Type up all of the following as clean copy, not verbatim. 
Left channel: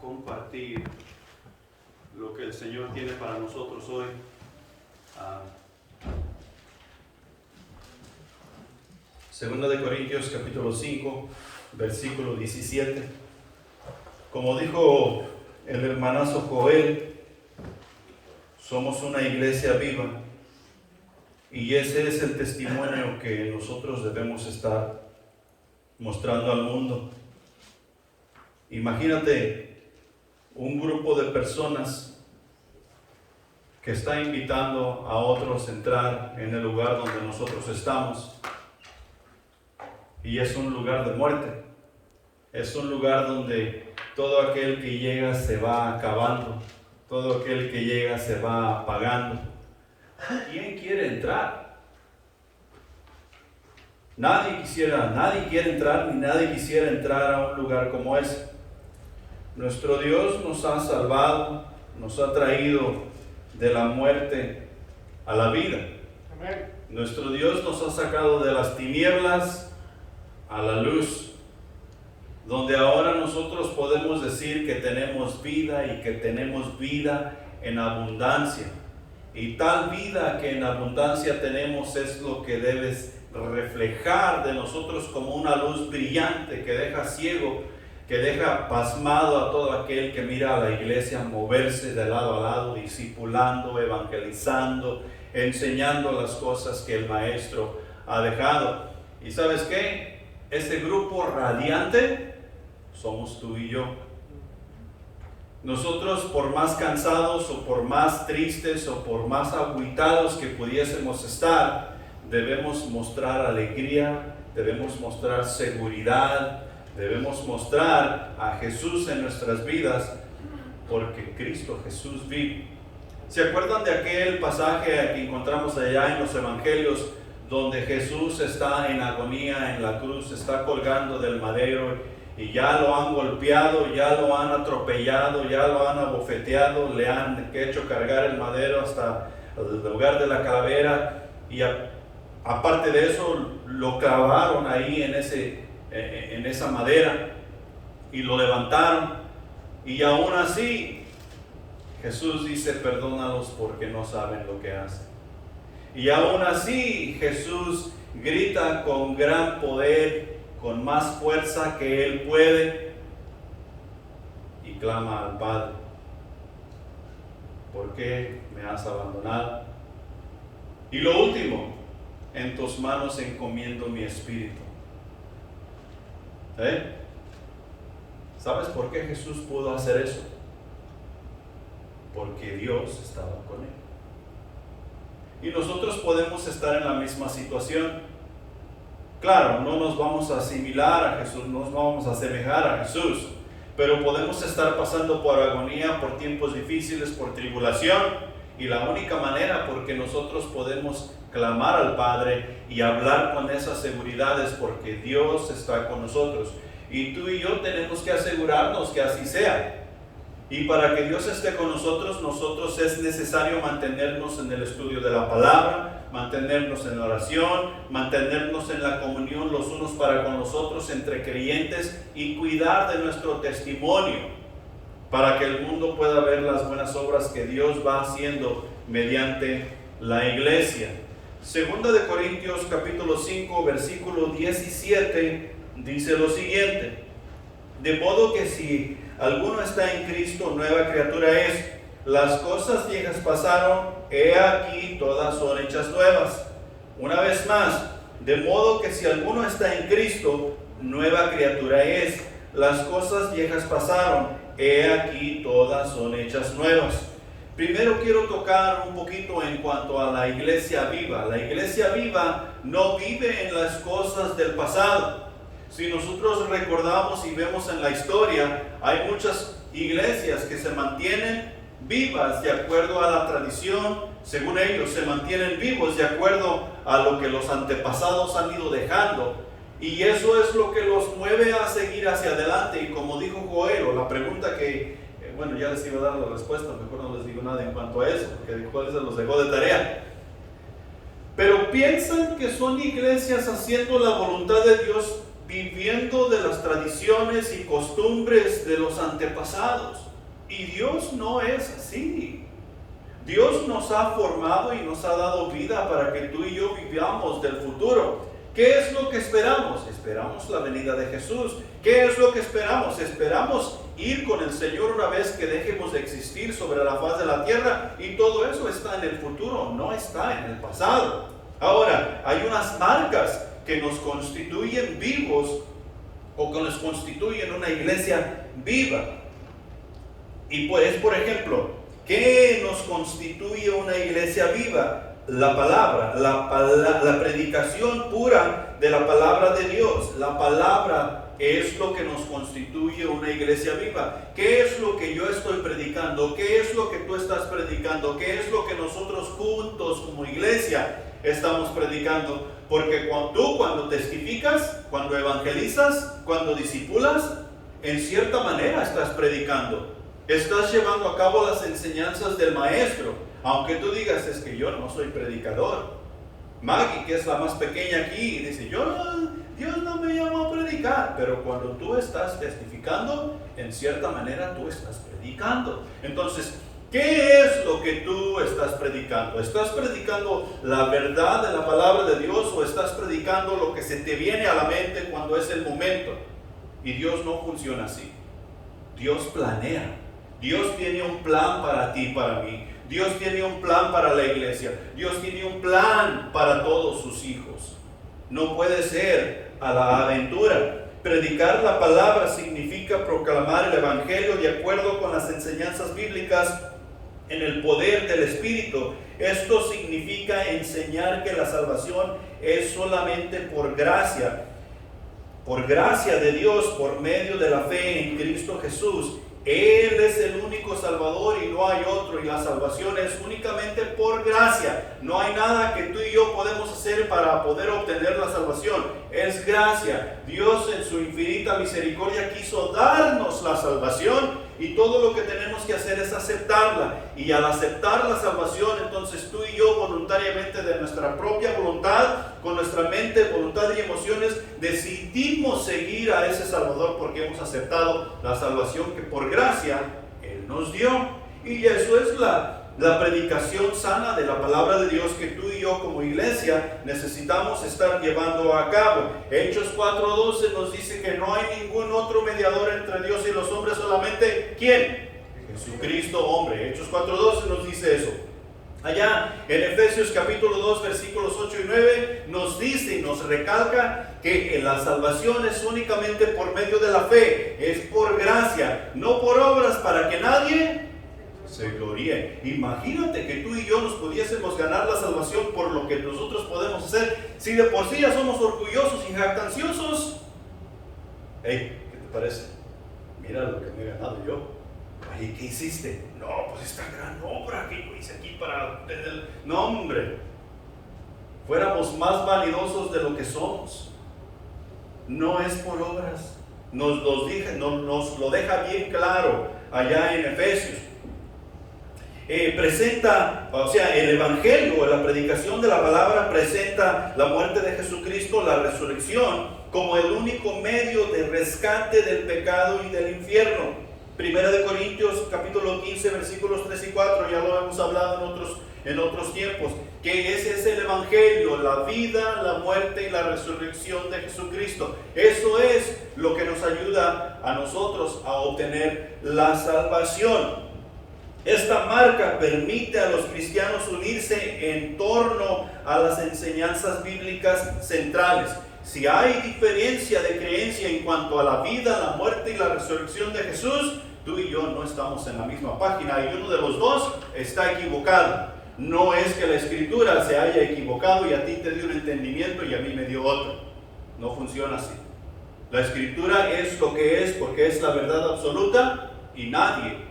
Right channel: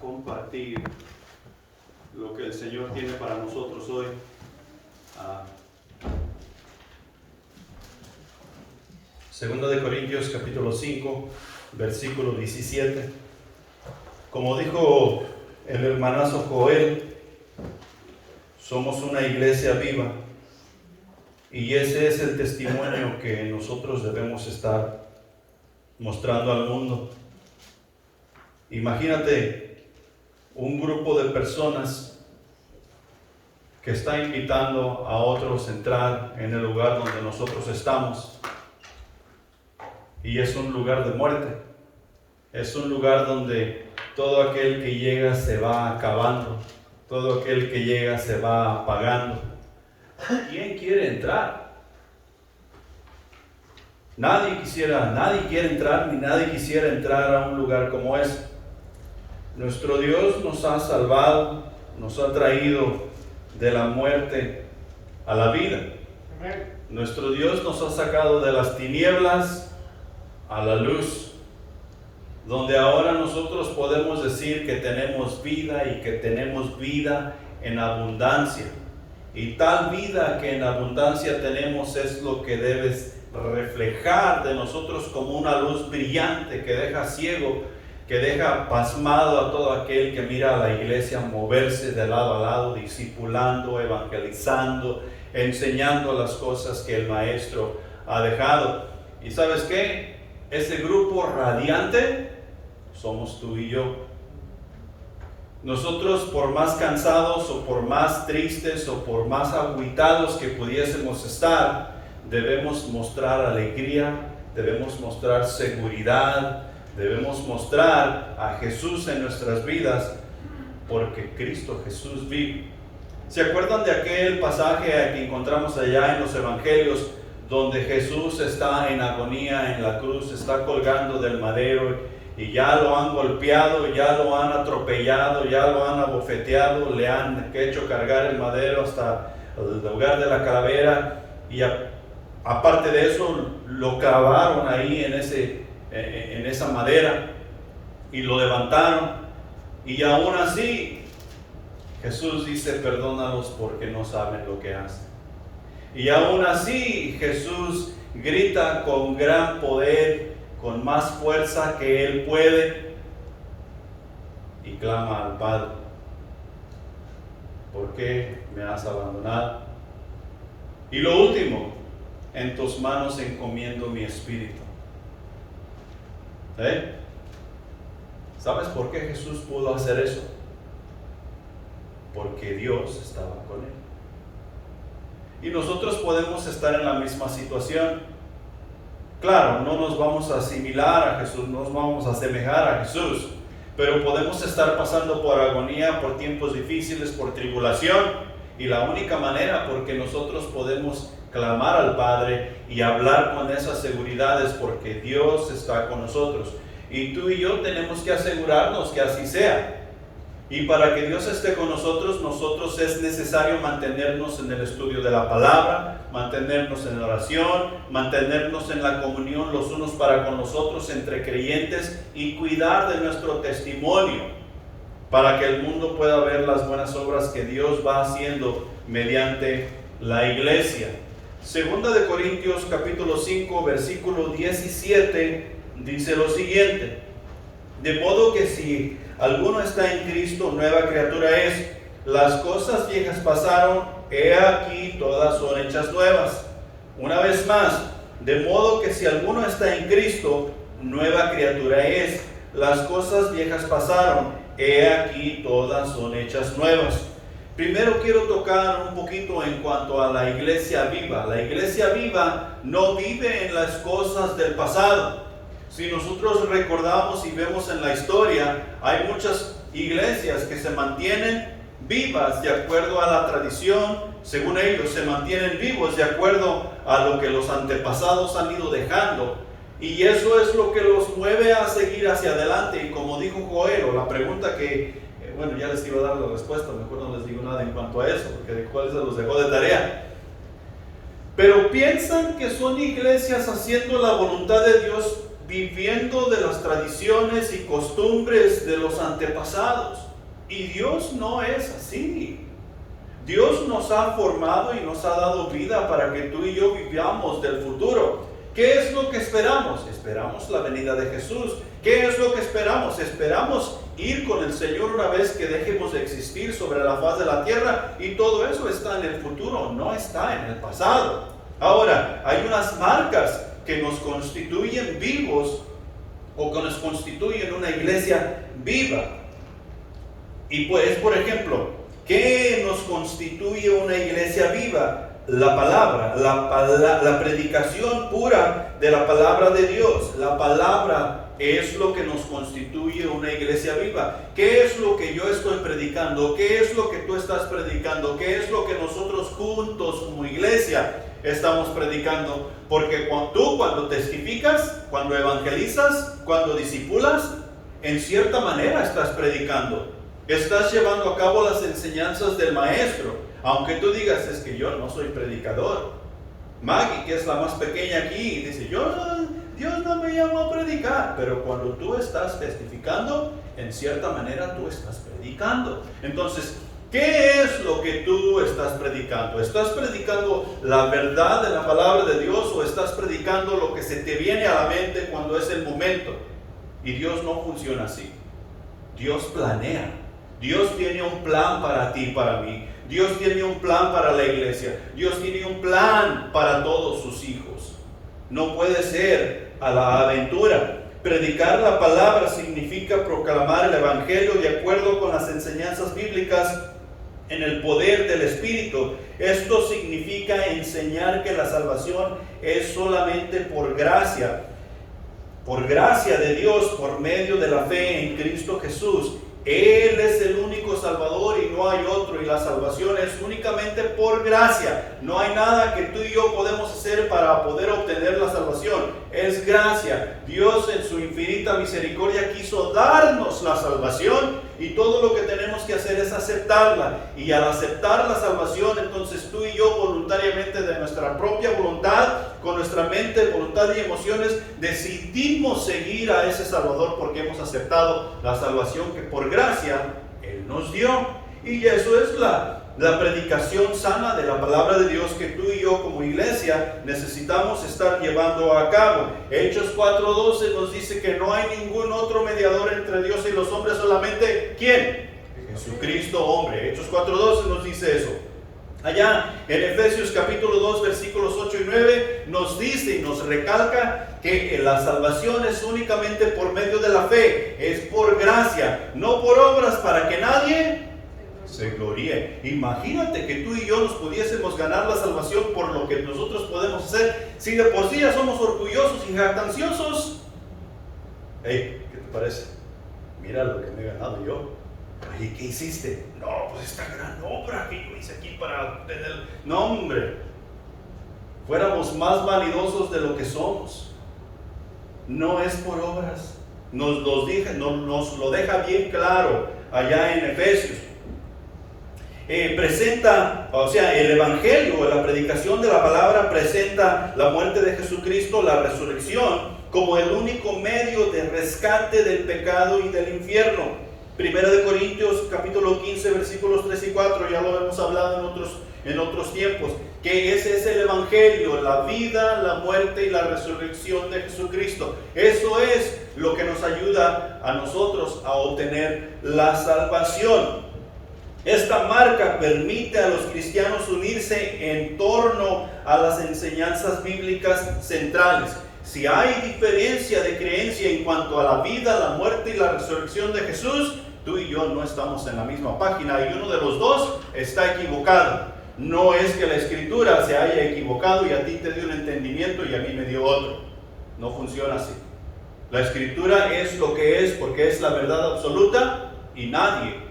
compartir lo que el Señor tiene para nosotros hoy. Segundo de Corintios capítulo 5, versículo 17. Como dijo el hermanazo Joel, somos una iglesia viva y ese es el testimonio que nosotros debemos estar mostrando al mundo. Imagínate un grupo de personas que está invitando a otros a entrar en el lugar donde nosotros estamos, y es un lugar de muerte, es un lugar donde todo aquel que llega se va acabando, todo aquel que llega se va apagando. ¿Quién quiere entrar? Nadie quiere entrar, ni nadie quisiera entrar a un lugar como ese. Nuestro Dios nos ha salvado, nos ha traído de la muerte a la vida. Nuestro Dios nos ha sacado de las tinieblas a la luz, donde ahora nosotros podemos decir que tenemos vida y que tenemos vida en abundancia. Y tal vida que en abundancia tenemos es lo que debes reflejar de nosotros como una luz brillante que deja ciego, que deja pasmado a todo aquel que mira a la iglesia moverse de lado a lado, discipulando, evangelizando, enseñando las cosas que el Maestro ha dejado. ¿Y sabes qué? Ese grupo radiante somos tú y yo. Nosotros, por más cansados o por más tristes o por más agüitados que pudiésemos estar, debemos mostrar alegría, debemos mostrar seguridad, debemos mostrar a Jesús en nuestras vidas, porque Cristo Jesús vive. ¿Se acuerdan de aquel pasaje que encontramos allá en los evangelios, donde Jesús está en agonía en la cruz, está colgando del madero y ya lo han golpeado, ya lo han atropellado, ya lo han abofeteado, le han hecho cargar el madero hasta el lugar de la calavera, y aparte de eso lo clavaron ahí en esa madera y lo levantaron, y aún así Jesús dice: perdónalos porque no saben lo que hacen. Y aún así Jesús grita con gran poder, con más fuerza que Él puede, y clama al Padre: ¿por qué me has abandonado? Y lo último: en tus manos encomiendo mi espíritu. ¿Sabes por qué Jesús pudo hacer eso? Porque Dios estaba con Él. Y nosotros podemos estar en la misma situación. Claro, no nos vamos a asimilar a Jesús, no nos vamos a asemejar a Jesús, pero podemos estar pasando por agonía, por tiempos difíciles, por tribulación, y la única manera porque nosotros podemos clamar al Padre y hablar con esas seguridades, porque Dios está con nosotros, y tú y yo tenemos que asegurarnos que así sea. Y para que Dios esté con nosotros es necesario mantenernos en el estudio de la palabra, mantenernos en oración, mantenernos en la comunión los unos para con los otros entre creyentes, y cuidar de nuestro testimonio para que el mundo pueda ver las buenas obras que Dios va haciendo mediante la iglesia. Segunda de Corintios capítulo 5 versículo 17 dice lo siguiente: de modo que si alguno está en Cristo, nueva criatura es. Las cosas viejas pasaron, he aquí todas son hechas nuevas. Una vez más, de modo que si alguno está en Cristo, nueva criatura es. Las cosas viejas pasaron, he aquí todas son hechas nuevas. Primero quiero tocar un poquito en cuanto a la iglesia viva. La iglesia viva no vive en las cosas del pasado. Si nosotros recordamos y vemos en la historia, hay muchas iglesias que se mantienen vivas de acuerdo a la tradición, según ellos, se mantienen vivos de acuerdo a lo que los antepasados han ido dejando, y eso es lo que los mueve a seguir hacia adelante. Y como dijo Joel, o la pregunta que, bueno, ya les iba a dar la respuesta, mejor no les digo nada en cuanto a eso, porque Joel se los dejó de tarea. Pero piensan que son iglesias haciendo la voluntad de Dios viviendo de las tradiciones y costumbres de los antepasados. Y Dios no es así. Dios nos ha formado y nos ha dado vida para que tú y yo vivamos del futuro. ¿Qué es lo que esperamos? Esperamos la venida de Jesús. ¿Qué es lo que esperamos? Esperamos ir con el Señor una vez que dejemos de existir sobre la faz de la tierra, y todo eso está en el futuro, no está en el pasado. Ahora, hay unas marcas que nos constituyen vivos, o que nos constituyen una iglesia viva. Y pues, por ejemplo, ¿qué nos constituye una iglesia viva? La palabra, la predicación pura de la palabra de Dios. La palabra es lo que nos constituye una iglesia viva. ¿Qué es lo que yo estoy predicando? ¿Qué es lo que tú estás predicando? ¿Qué es lo que nosotros juntos como iglesia estamos predicando? Porque cuando testificas, cuando evangelizas, cuando discipulas, en cierta manera estás predicando. Estás llevando a cabo las enseñanzas del maestro. Aunque tú digas, es que yo no soy predicador. Maggie, que es la más pequeña aquí, dice, Dios no me llamó a predicar. Pero cuando tú estás testificando, en cierta manera tú estás predicando. Entonces, ¿qué es lo que tú estás predicando? ¿Estás predicando la verdad de la palabra de Dios, o estás predicando lo que se te viene a la mente cuando es el momento? Y Dios no funciona así. Dios planea. Dios tiene un plan para ti y para mí. Dios tiene un plan para la iglesia. Dios tiene un plan para todos sus hijos. No puede ser a la aventura. Predicar la palabra significa proclamar el evangelio de acuerdo con las enseñanzas bíblicas en el poder del Espíritu. Esto significa enseñar que la salvación es solamente por gracia de Dios, por medio de la fe en Cristo Jesús. Él es el único Salvador y no hay otro, y la salvación es únicamente por gracia. No hay nada que tú y yo podemos hacer para poder obtener la salvación. Es gracia. Dios en su infinita misericordia quiso darnos la salvación, y todo lo que tenemos que hacer es aceptarla. Y al aceptar la salvación, entonces tú y yo voluntariamente, de nuestra propia voluntad, con nuestra mente, voluntad y emociones, decidimos seguir a ese Salvador, porque hemos aceptado la salvación que por gracia Él nos dio. Y eso es la predicación sana de la palabra de Dios que tú y yo como iglesia necesitamos estar llevando a cabo. Hechos 4:12 nos dice que no hay ningún otro mediador entre Dios y los hombres, solamente ¿quién? Jesucristo hombre. Hechos 4:12 nos dice eso. Allá en Efesios capítulo 2 versículos 8 y 9 nos dice y nos recalca que la salvación es únicamente por medio de la fe, es por gracia, no por obras, para que nadie se gloríe. Imagínate que tú y yo nos pudiésemos ganar la salvación por lo que nosotros podemos hacer. Si de por sí ya somos orgullosos y jactanciosos, hey, ¿qué te parece? Mira lo que me he ganado yo. Oye, ¿qué hiciste? No, pues esta gran obra que yo hice aquí para tener... No, hombre, fuéramos más vanidosos de lo que somos. No es por obras. Nos lo deja bien claro allá en Efesios. Presenta, o sea, el evangelio, la predicación de la palabra presenta la muerte de Jesucristo, la resurrección, como el único medio de rescate del pecado y del infierno. Primera de Corintios capítulo 15 versículos 3 y 4, ya lo hemos hablado en otros tiempos, que ese es el evangelio, la vida, la muerte y la resurrección de Jesucristo. Eso es lo que nos ayuda a nosotros a obtener la salvación. Esta marca permite a los cristianos unirse en torno a las enseñanzas bíblicas centrales. Si hay diferencia de creencia en cuanto a la vida, la muerte y la resurrección de Jesús, tú y yo no estamos en la misma página, y uno de los dos está equivocado. No es que la Escritura se haya equivocado y a ti te dio un entendimiento y a mí me dio otro. No funciona así. La Escritura es lo que es porque es la verdad absoluta, y nadie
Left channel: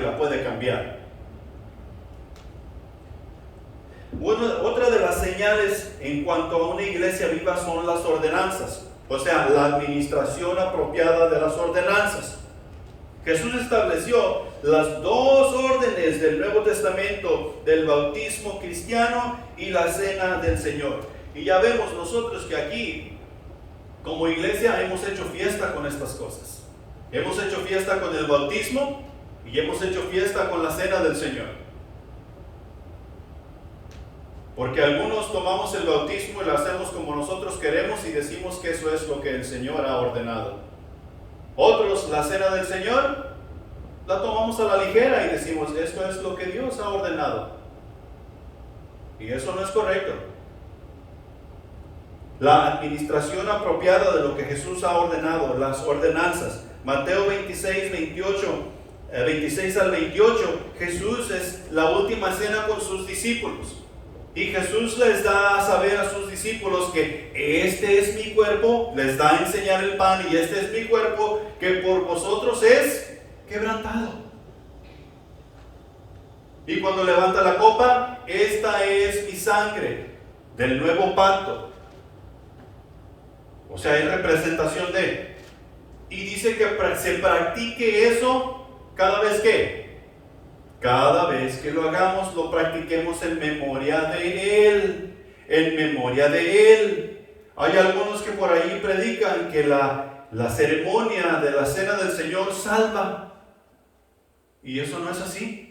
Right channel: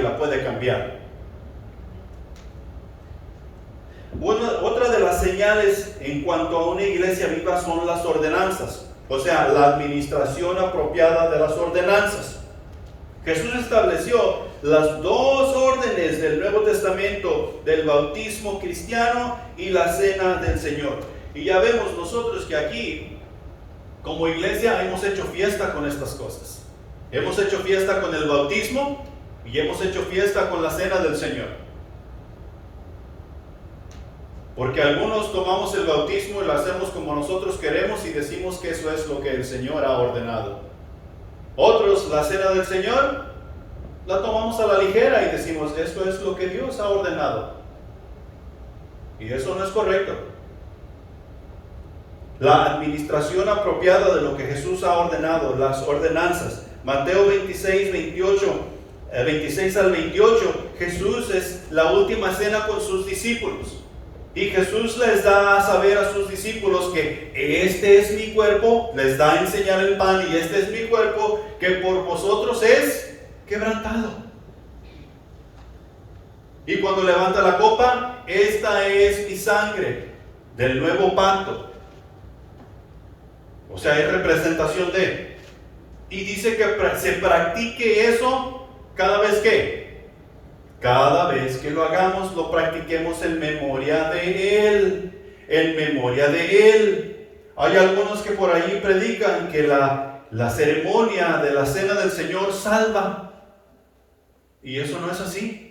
la puede cambiar. Otra de las señales en cuanto a una iglesia viva son las ordenanzas, o sea, la administración apropiada de las ordenanzas. Jesús estableció las dos órdenes del Nuevo Testamento, del bautismo cristiano y la cena del Señor. Y ya vemos nosotros que aquí como iglesia hemos hecho fiesta con estas cosas. Hemos hecho fiesta con el bautismo y hemos hecho fiesta con la cena del Señor. Porque algunos tomamos el bautismo y lo hacemos como nosotros queremos y decimos que eso es lo que el Señor ha ordenado. Otros, la cena del Señor, la tomamos a la ligera y decimos, esto es lo que Dios ha ordenado. Y eso no es correcto. La administración apropiada de lo que Jesús ha ordenado, las ordenanzas. Mateo 26 al 28, Jesús es la última cena con sus discípulos. Y Jesús les da a saber a sus discípulos que este es mi cuerpo, les da a enseñar el pan y este es mi cuerpo que por vosotros es quebrantado. Y cuando levanta la copa, esta es mi sangre del nuevo pacto. O sea, es representación de. Y dice que se practique eso cada vez que. Cada vez que lo hagamos, lo practiquemos en memoria de Él. En memoria de Él. Hay algunos que por allí predican que la ceremonia de la cena del Señor salva. Y eso no es así.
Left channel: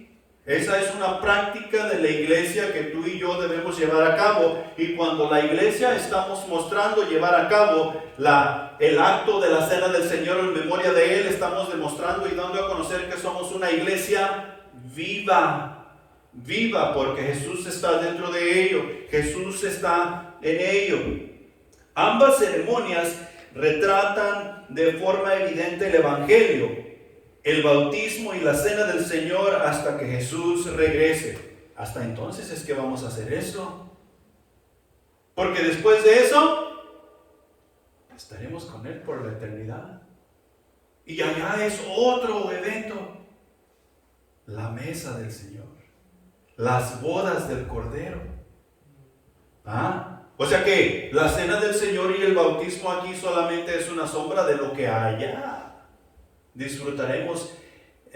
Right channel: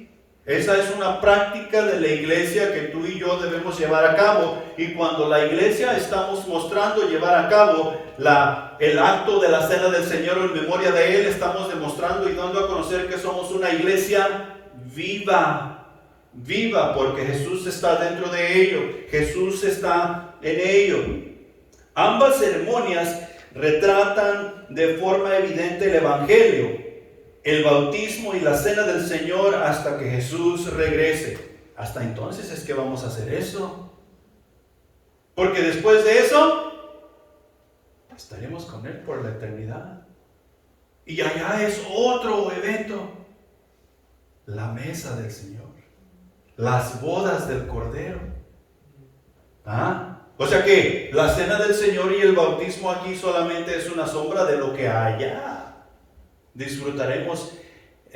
Esa es una práctica de la iglesia que tú y yo debemos llevar a cabo. Y cuando la iglesia estamos mostrando llevar a cabo el acto de la cena del Señor en memoria de Él, estamos demostrando y dando a conocer que somos una iglesia viva, porque Jesús está dentro de ello, Jesús está en ello. Ambas ceremonias retratan de forma evidente el Evangelio, el bautismo y la cena del Señor hasta que Jesús regrese. Hasta entonces es que vamos a hacer eso, porque después de eso estaremos con Él por la eternidad. Y allá es otro evento. La mesa del Señor, las bodas del Cordero. O sea que la cena del Señor y el bautismo aquí solamente es una sombra de lo que allá disfrutaremos,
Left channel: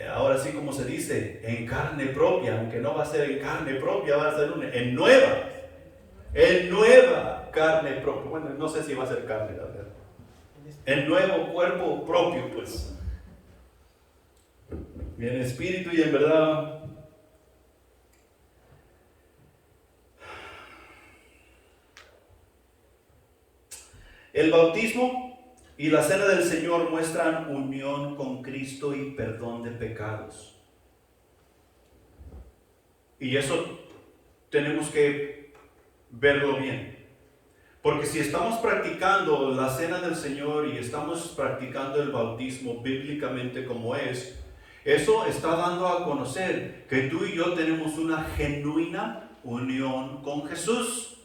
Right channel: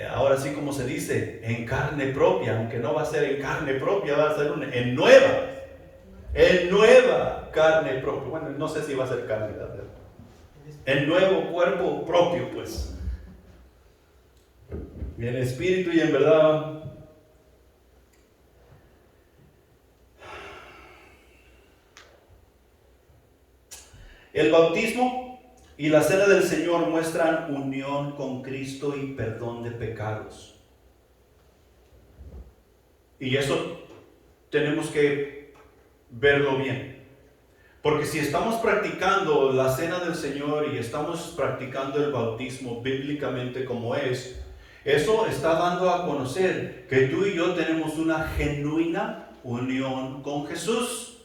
ahora sí como se dice, en carne propia, aunque no va a ser en carne propia, va a ser en nueva carne propia. Bueno, no sé si va a ser carne, la verdad. En nuevo cuerpo propio, pues. Y en espíritu y en verdad. El bautismo y la cena del Señor muestran unión con Cristo y perdón de pecados. Y eso tenemos que verlo bien. Porque si estamos practicando la cena del Señor y estamos practicando el bautismo bíblicamente como es, eso está dando a conocer que tú y yo tenemos una genuina unión con Jesús.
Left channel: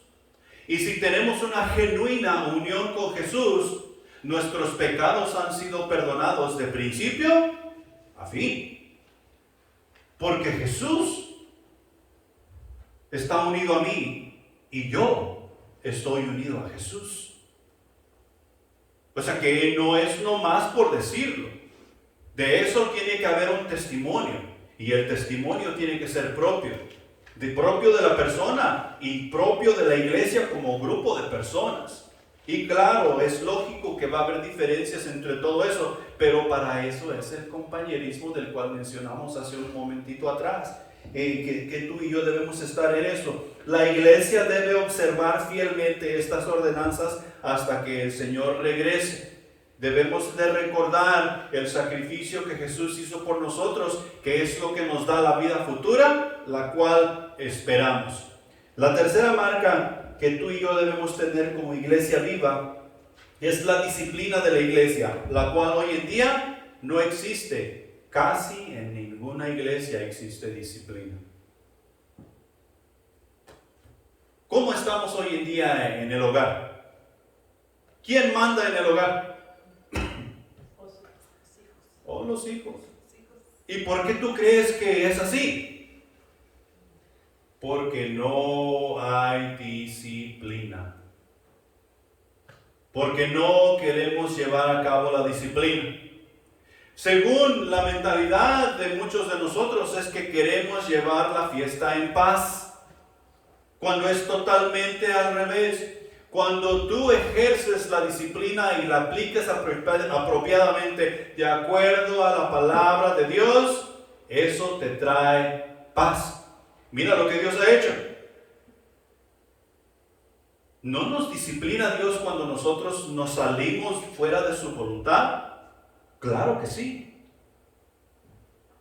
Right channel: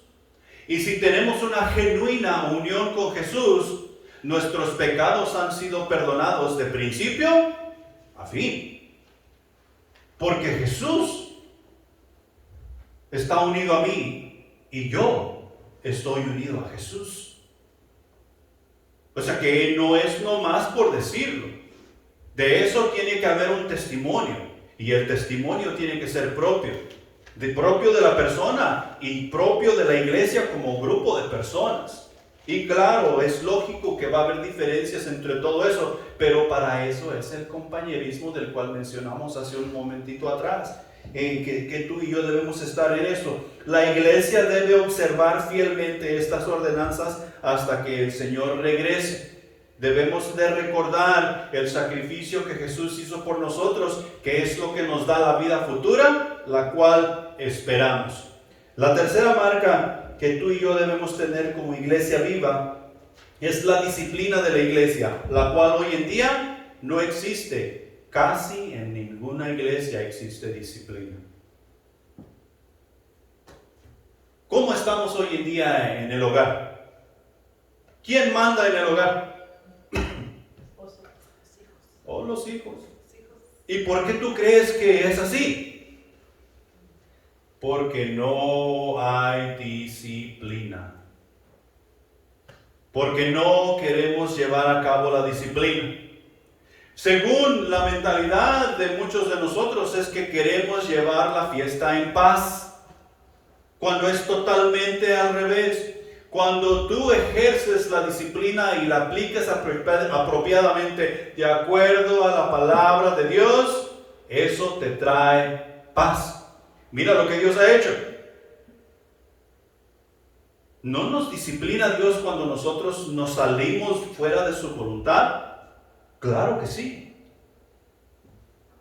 Y si tenemos una genuina unión con Jesús, nuestros pecados han sido perdonados de principio a fin. Porque Jesús está unido a mí y yo estoy unido a Jesús. O sea que no es nomás por decirlo. De eso tiene que haber un testimonio, y el testimonio tiene que ser propio de la persona y propio de la iglesia como grupo de personas. Y claro, es lógico que va a haber diferencias entre todo eso, pero para eso es el compañerismo del cual mencionamos hace un momentito atrás, que tú y yo debemos estar en eso. La iglesia debe observar fielmente estas ordenanzas hasta que el Señor regrese. Debemos de recordar el sacrificio que Jesús hizo por nosotros, que es lo que nos da la vida futura, la cual esperamos. La tercera marca que tú y yo debemos tener como iglesia viva es la disciplina de la iglesia, la cual hoy en día no existe. Casi en ninguna iglesia existe disciplina. ¿Cómo estamos hoy en día en el hogar? ¿Quién manda en el hogar? O los hijos. ¿Y por qué tú crees que es así? Porque no hay disciplina. Porque no queremos llevar a cabo la disciplina. Según la mentalidad de muchos de nosotros es que queremos llevar la fiesta en paz, cuando es totalmente al revés. Cuando tú ejerces la disciplina y la aplicas apropiadamente de acuerdo a la palabra de Dios, eso te trae paz. Mira lo que Dios ha hecho. ¿No nos disciplina Dios cuando nosotros nos salimos fuera de su voluntad? Claro que sí.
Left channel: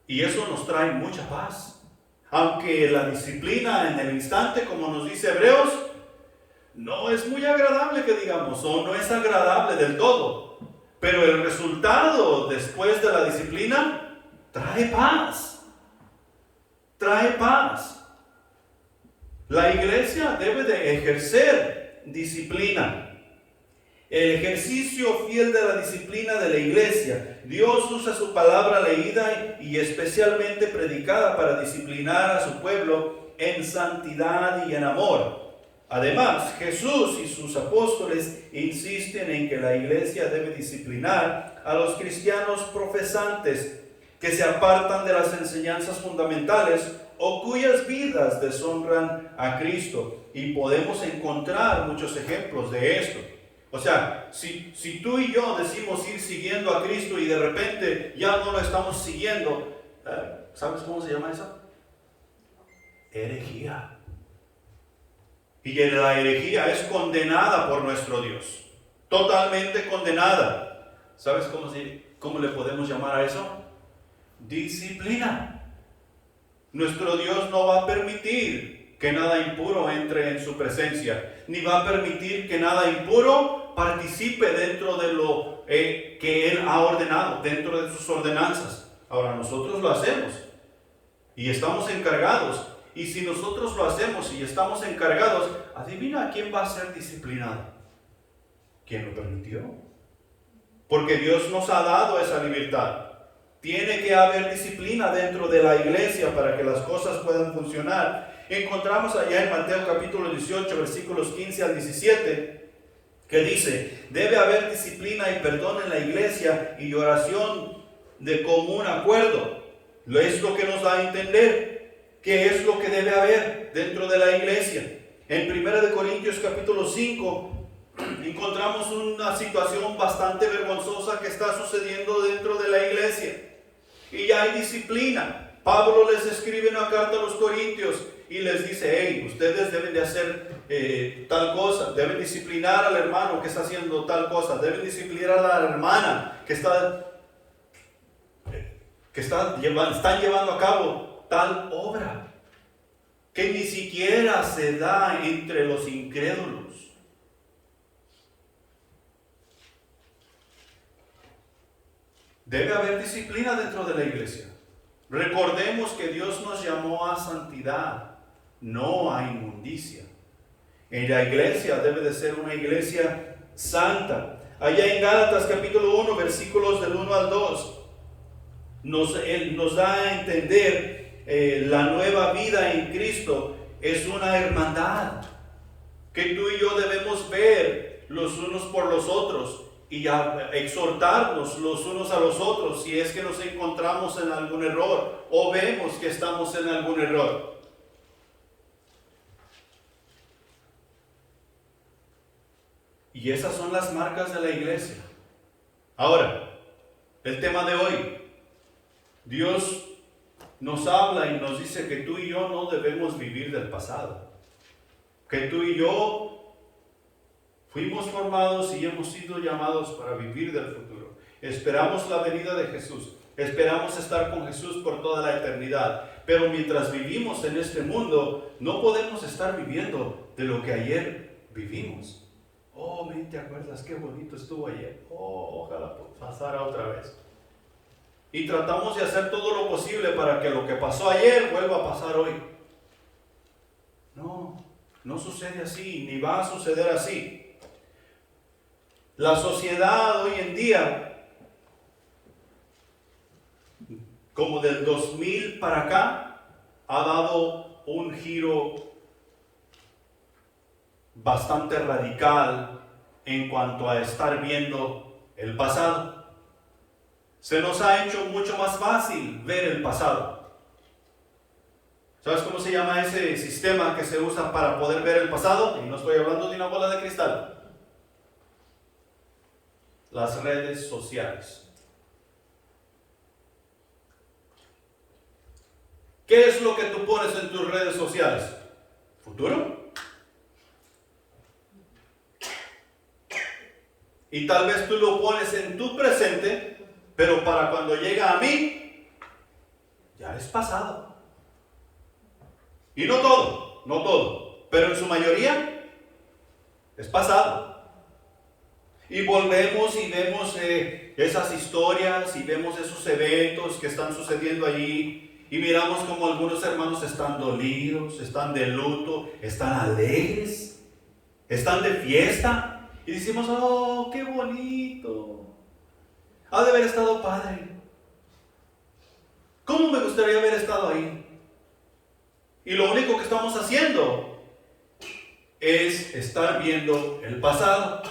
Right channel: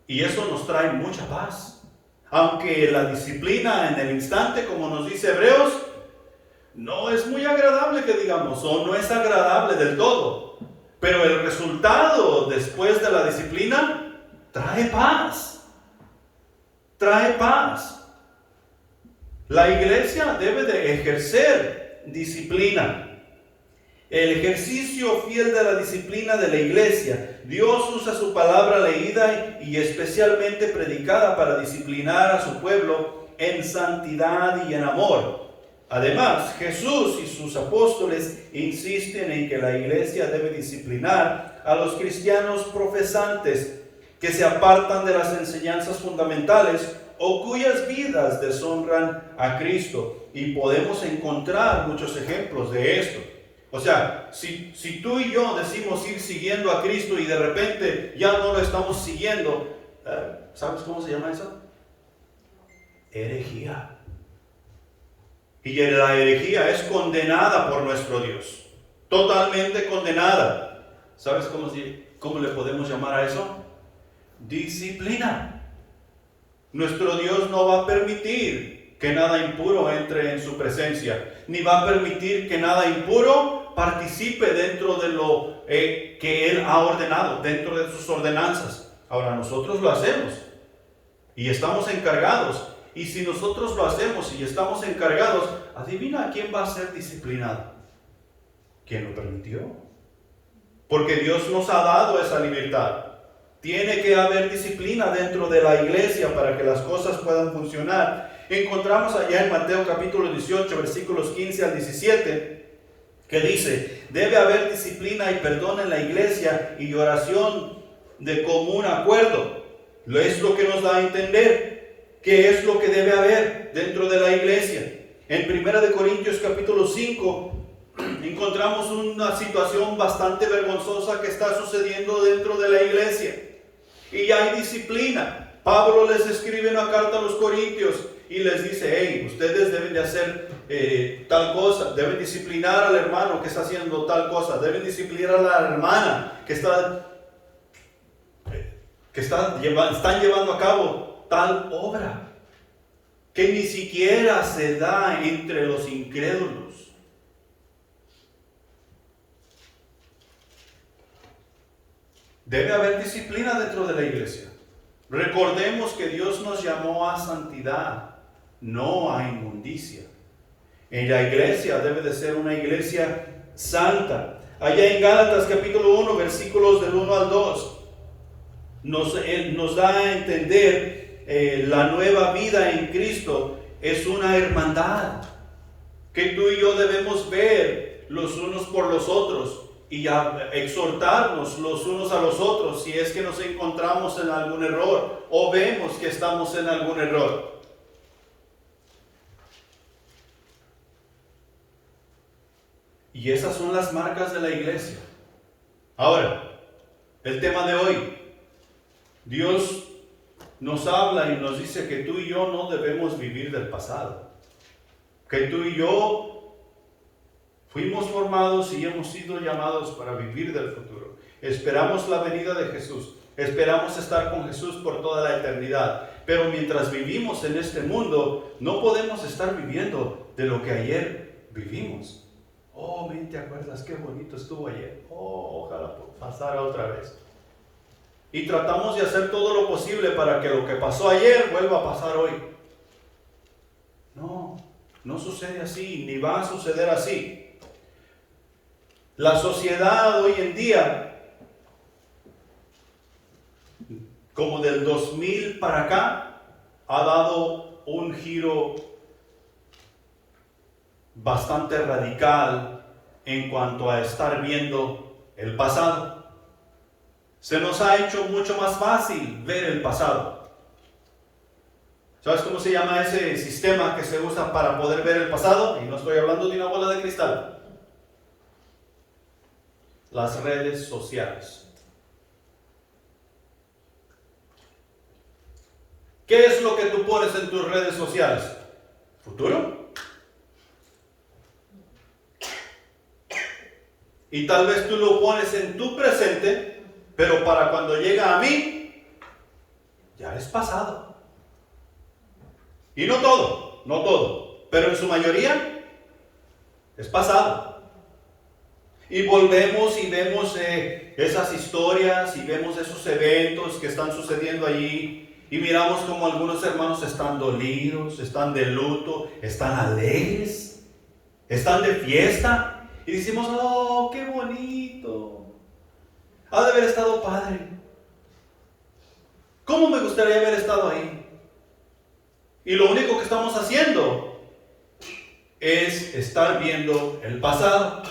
Y eso nos trae mucha paz. Aunque la disciplina en el instante, como nos dice Hebreos, no es muy agradable que digamos, o no es agradable del todo. Pero el resultado después de la disciplina trae paz. Trae paz. La iglesia debe de ejercer disciplina. El ejercicio fiel de la disciplina de la iglesia. Dios usa su palabra leída y especialmente predicada para disciplinar a su pueblo en santidad y en amor. Además, Jesús y sus apóstoles insisten en que la iglesia debe disciplinar a los cristianos profesantes que se apartan de las enseñanzas fundamentales o cuyas vidas deshonran a Cristo. Y podemos encontrar muchos ejemplos de esto. O sea, si tú y yo decimos ir siguiendo a Cristo y de repente ya no lo estamos siguiendo, ¿sabes cómo se llama eso? Herejía. Y la herejía es condenada por nuestro Dios. Totalmente condenada. ¿Sabes cómo le podemos llamar a eso? Disciplina. Nuestro Dios no va a permitir que nada impuro entre en su presencia, ni va a permitir que nada impuro participe dentro de lo que Él ha ordenado, dentro de sus ordenanzas. Ahora nosotros lo hacemos y estamos encargados. Y si nosotros lo hacemos y estamos encargados, adivina quién va a ser disciplinado. ¿Quién lo permitió? Porque Dios nos ha dado esa libertad. Tiene que haber disciplina dentro de la iglesia para que las cosas puedan funcionar. Encontramos allá en Mateo capítulo 18, versículos 15 al 17, que dice: debe haber disciplina y perdón en la iglesia y oración de común acuerdo. Es lo que nos da a entender qué es lo que debe haber dentro de la iglesia. En 1 Corintios capítulo 5 encontramos una situación bastante vergonzosa que está sucediendo dentro de la iglesia. Y ya hay disciplina. Pablo les escribe una carta a los corintios y les dice: hey, ustedes deben de hacer tal cosa, deben disciplinar al hermano que está haciendo tal cosa, deben disciplinar a la hermana que están llevando a cabo tal obra que ni siquiera se da entre los incrédulos. Debe haber disciplina dentro de la iglesia. Recordemos que Dios nos llamó a santidad, no a inmundicia. En la iglesia debe de ser una iglesia santa. Allá en Gálatas capítulo 1, versículos del 1 al 2, nos da a entender la nueva vida en Cristo es una hermandad que tú y yo debemos ver los unos por los otros y exhortarnos los unos a los otros si es que nos encontramos en algún error o vemos que estamos en algún error. Y esas son las marcas de la iglesia. Ahora, el tema de hoy. Dios nos habla y nos dice que tú y yo no debemos vivir del pasado. Que tú y yo fuimos formados y hemos sido llamados para vivir del futuro. Esperamos la venida de Jesús. Esperamos estar con Jesús por toda la eternidad. Pero mientras vivimos en este mundo, no podemos estar viviendo de lo que ayer vivimos. Oh, ¿te acuerdas qué bonito estuvo ayer? Oh, ojalá pasara otra vez. Y tratamos de hacer todo lo posible para que lo que pasó ayer vuelva a pasar hoy. No sucede así, ni va a suceder así. La sociedad hoy en día, como del 2000 para acá, ha dado un giro bastante radical en cuanto a estar viendo el pasado. Se nos ha hecho mucho más fácil ver el pasado. ¿Sabes cómo se llama ese sistema que se usa para poder ver el pasado? Y no estoy hablando de una bola de cristal. Las redes sociales. ¿Qué es lo que tú pones en tus redes sociales? ¿Futuro? Y tal vez tú lo pones en tu presente, pero para cuando llega a mí, ya es pasado. Y no todo, pero en su mayoría es pasado. Y volvemos y vemos esas historias y vemos esos eventos que están sucediendo allí y miramos como algunos hermanos están dolidos, están de luto, están alegres, están de fiesta y decimos, oh, qué bonito, ha de haber estado padre, ¿cómo me gustaría haber estado ahí? Y lo único que estamos haciendo es estar viendo el pasado.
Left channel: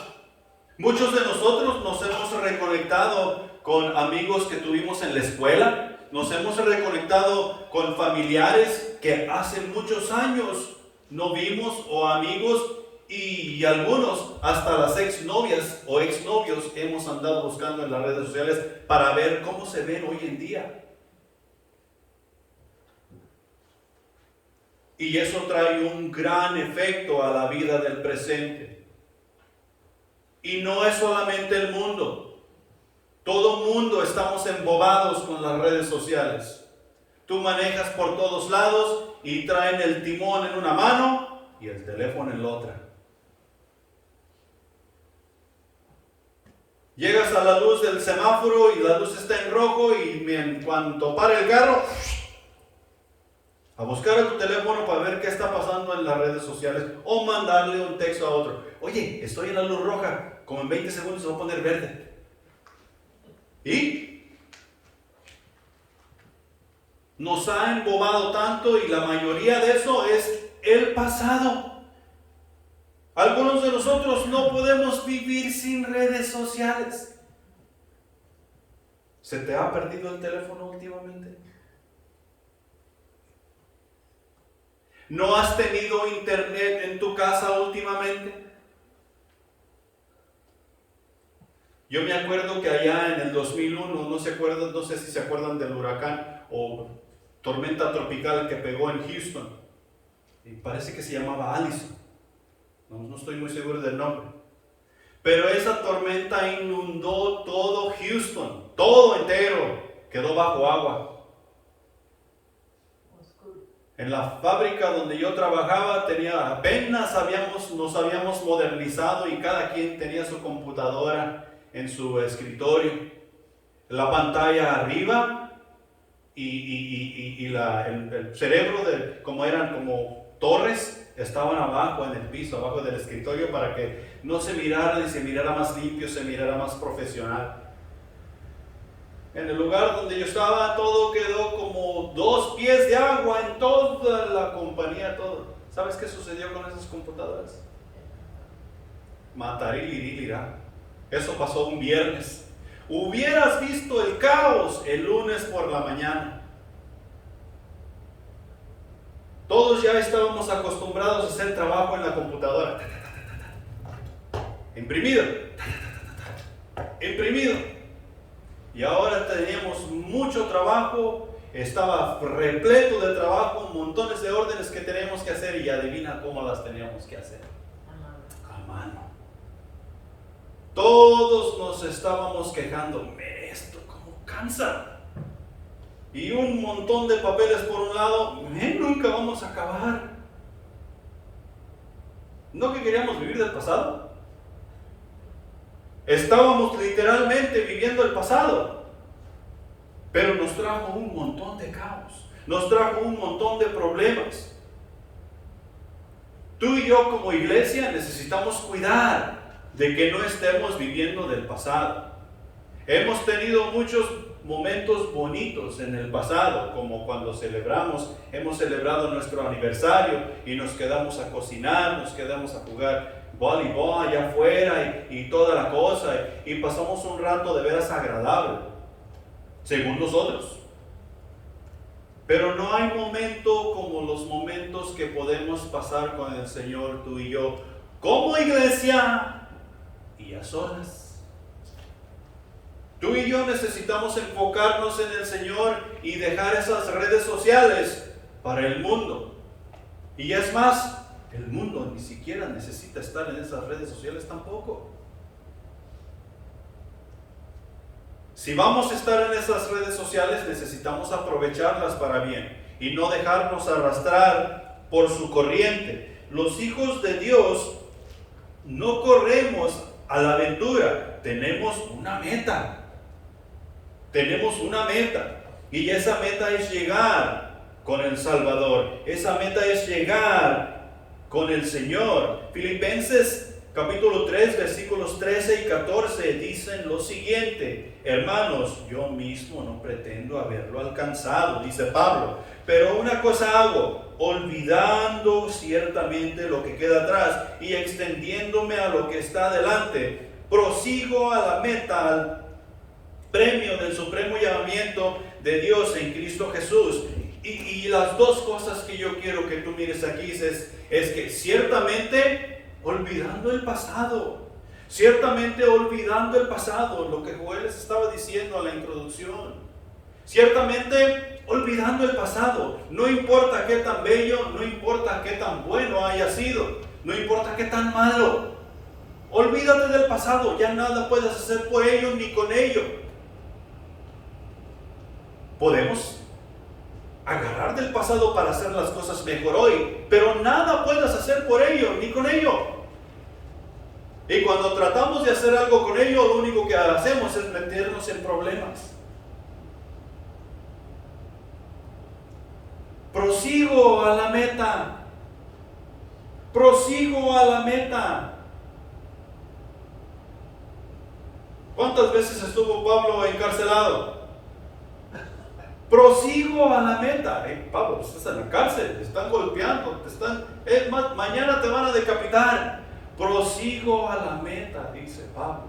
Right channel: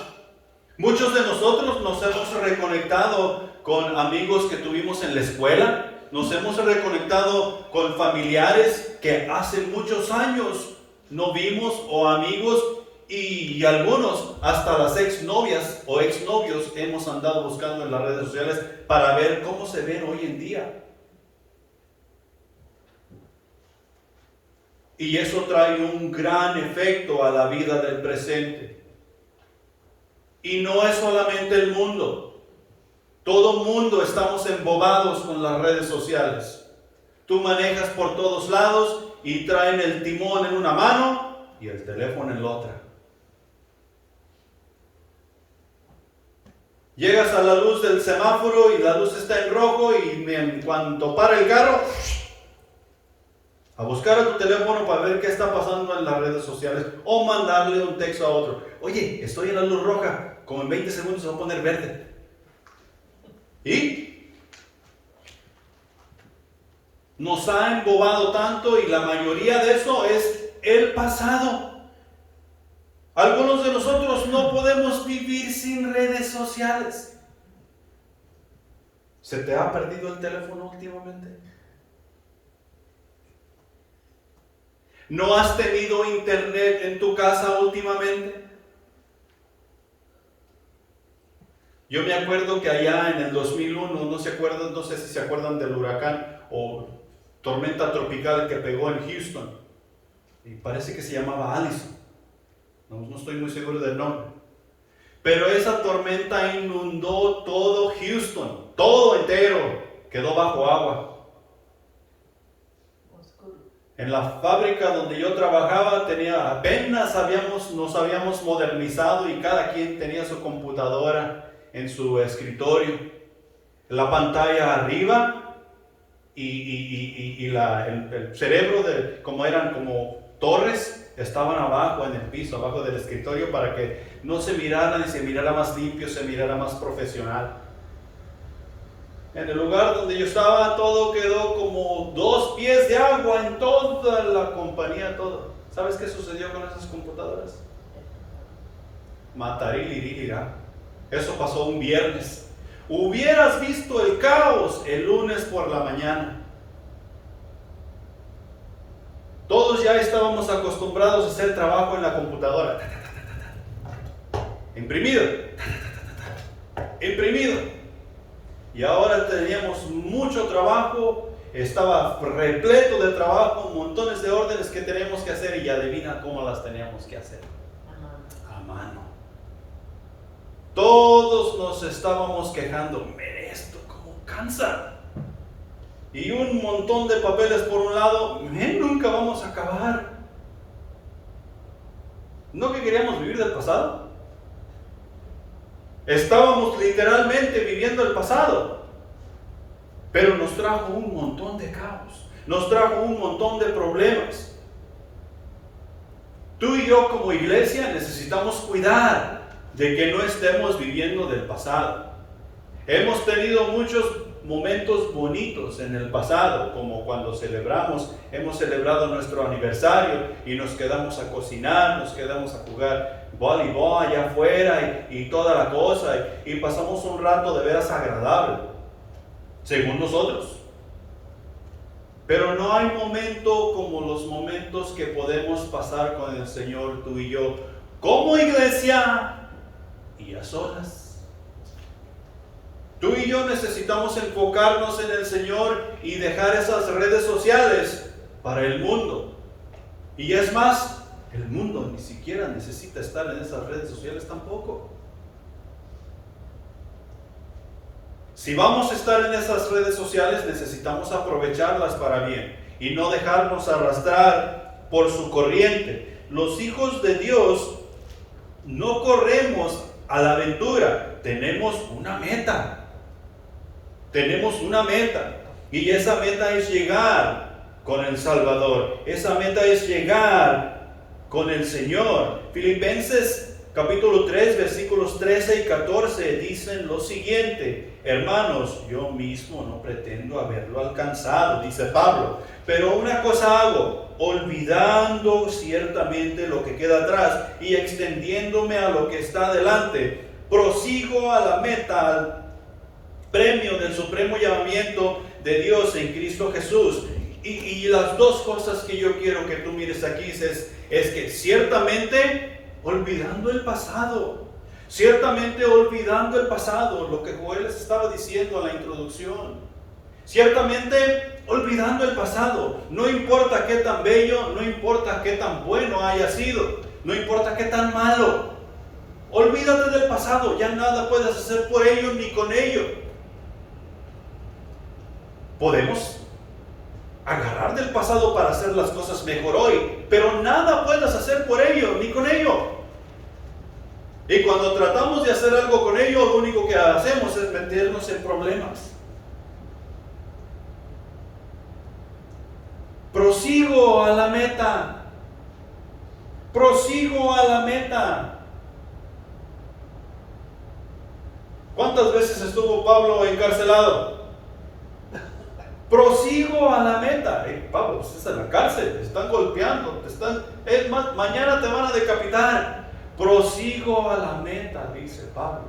Muchos de nosotros nos hemos reconectado con amigos que tuvimos en la escuela, nos hemos reconectado con familiares que hace muchos años no vimos, o amigos, y algunos hasta las exnovias o exnovios hemos andado buscando en las redes sociales para ver cómo se ven hoy en día. Y eso trae un gran efecto a la vida del presente. Y no es solamente el mundo. Todo mundo estamos embobados con las redes sociales. Tú manejas por todos lados y traen el timón en una mano y el teléfono en la otra. Llegas a la luz del semáforo y la luz está en rojo y en cuanto para el carro, a buscar a tu teléfono para ver qué está pasando en las redes sociales o mandarle un texto a otro. Oye, estoy en la luz roja, como en 20 segundos se va a poner verde. ¿Y? Nos ha embobado tanto y la mayoría de eso es el pasado. Algunos de nosotros no podemos vivir sin redes sociales. ¿Se te ha perdido el teléfono últimamente? ¿No has tenido internet en tu casa últimamente? Yo me acuerdo que allá en el 2001, no sé si se acuerdan del huracán o tormenta tropical que pegó en Houston. Y parece que se llamaba Allison. No estoy muy seguro del nombre. Pero esa tormenta inundó todo Houston, todo entero, quedó bajo agua. En la fábrica donde yo trabajaba nos habíamos modernizado y cada quien tenía su computadora en su escritorio, la pantalla arriba y el cerebro como eran como torres, estaban abajo en el piso, abajo del escritorio para que no se mirara y se mirara más limpio, se mirara más profesional. En el lugar donde yo estaba, todo quedó como 2 pies de agua en toda la compañía, todo. ¿Sabes qué sucedió con esas computadoras? Matarilirá. Eso pasó un viernes. Hubieras visto el caos el lunes por la mañana. Todos ya estábamos acostumbrados a hacer trabajo en la computadora. Imprimido. Y ahora teníamos mucho trabajo, estaba repleto de trabajo, montones de órdenes que teníamos que hacer y adivina cómo las teníamos que hacer. A mano. Todos nos estábamos quejando, mire esto, cómo cansa. Y un montón de papeles por un lado, nunca vamos a acabar. ¿No que queríamos vivir del pasado? Estábamos literalmente viviendo el pasado, pero nos trajo un montón de caos, nos trajo un montón de problemas. Tú y yo como iglesia necesitamos cuidar de que no estemos viviendo del pasado. Hemos tenido muchos momentos bonitos en el pasado, como cuando hemos celebrado nuestro aniversario y nos quedamos a cocinar, nos quedamos a jugar voleibol allá afuera y toda la cosa, y pasamos un rato de veras agradable, según nosotros. Pero no hay momento como los momentos que podemos pasar con el Señor, tú y yo, como iglesia y a solas. Tú y yo necesitamos enfocarnos en el Señor y dejar esas redes sociales para el mundo. Y es más, el mundo ni siquiera necesita estar en esas redes sociales tampoco. Si vamos a estar en esas redes sociales, necesitamos aprovecharlas para bien y no dejarnos arrastrar por su corriente. Los hijos de Dios no corremos a la aventura, tenemos una meta. Tenemos una meta, y esa meta es llegar con el Salvador. Esa meta es llegar con el Señor. Filipenses capítulo 3, versículos 13 y 14 dicen lo siguiente: hermanos, yo mismo no pretendo haberlo alcanzado, dice Pablo, pero una cosa hago, olvidando ciertamente lo que queda atrás y extendiéndome a lo que está delante, prosigo a la meta, al premio del supremo llamamiento de Dios en Cristo Jesús. Y las dos cosas que yo quiero que tú mires aquí es que ciertamente olvidando el pasado, lo que Joel les estaba diciendo en la introducción, ciertamente olvidando el pasado, no importa qué tan bello, no importa qué tan bueno haya sido, no importa qué tan malo, olvídate del pasado, ya nada puedes hacer por ello ni con ello. Podemos agarrar del pasado para hacer las cosas mejor hoy, pero nada puedes hacer por ello ni con ello. Y cuando tratamos de hacer algo con ello, lo único que hacemos es meternos en problemas. Prosigo a la meta. Prosigo a la meta. ¿Cuántas veces estuvo Pablo encarcelado? Prosigo a la meta. Pablo, estás en la cárcel, te están golpeando, es más, mañana te van a decapitar. Prosigo a la meta, dice Pablo.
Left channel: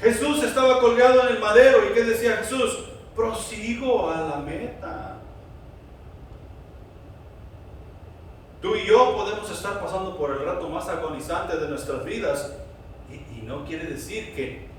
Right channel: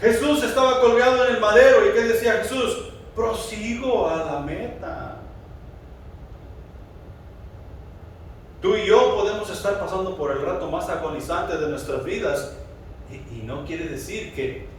Jesús estaba colgado en el madero, ¿y qué decía Jesús? Prosigo a la meta. Tú y yo podemos estar pasando por el rato más agonizante de nuestras vidas, y no quiere decir que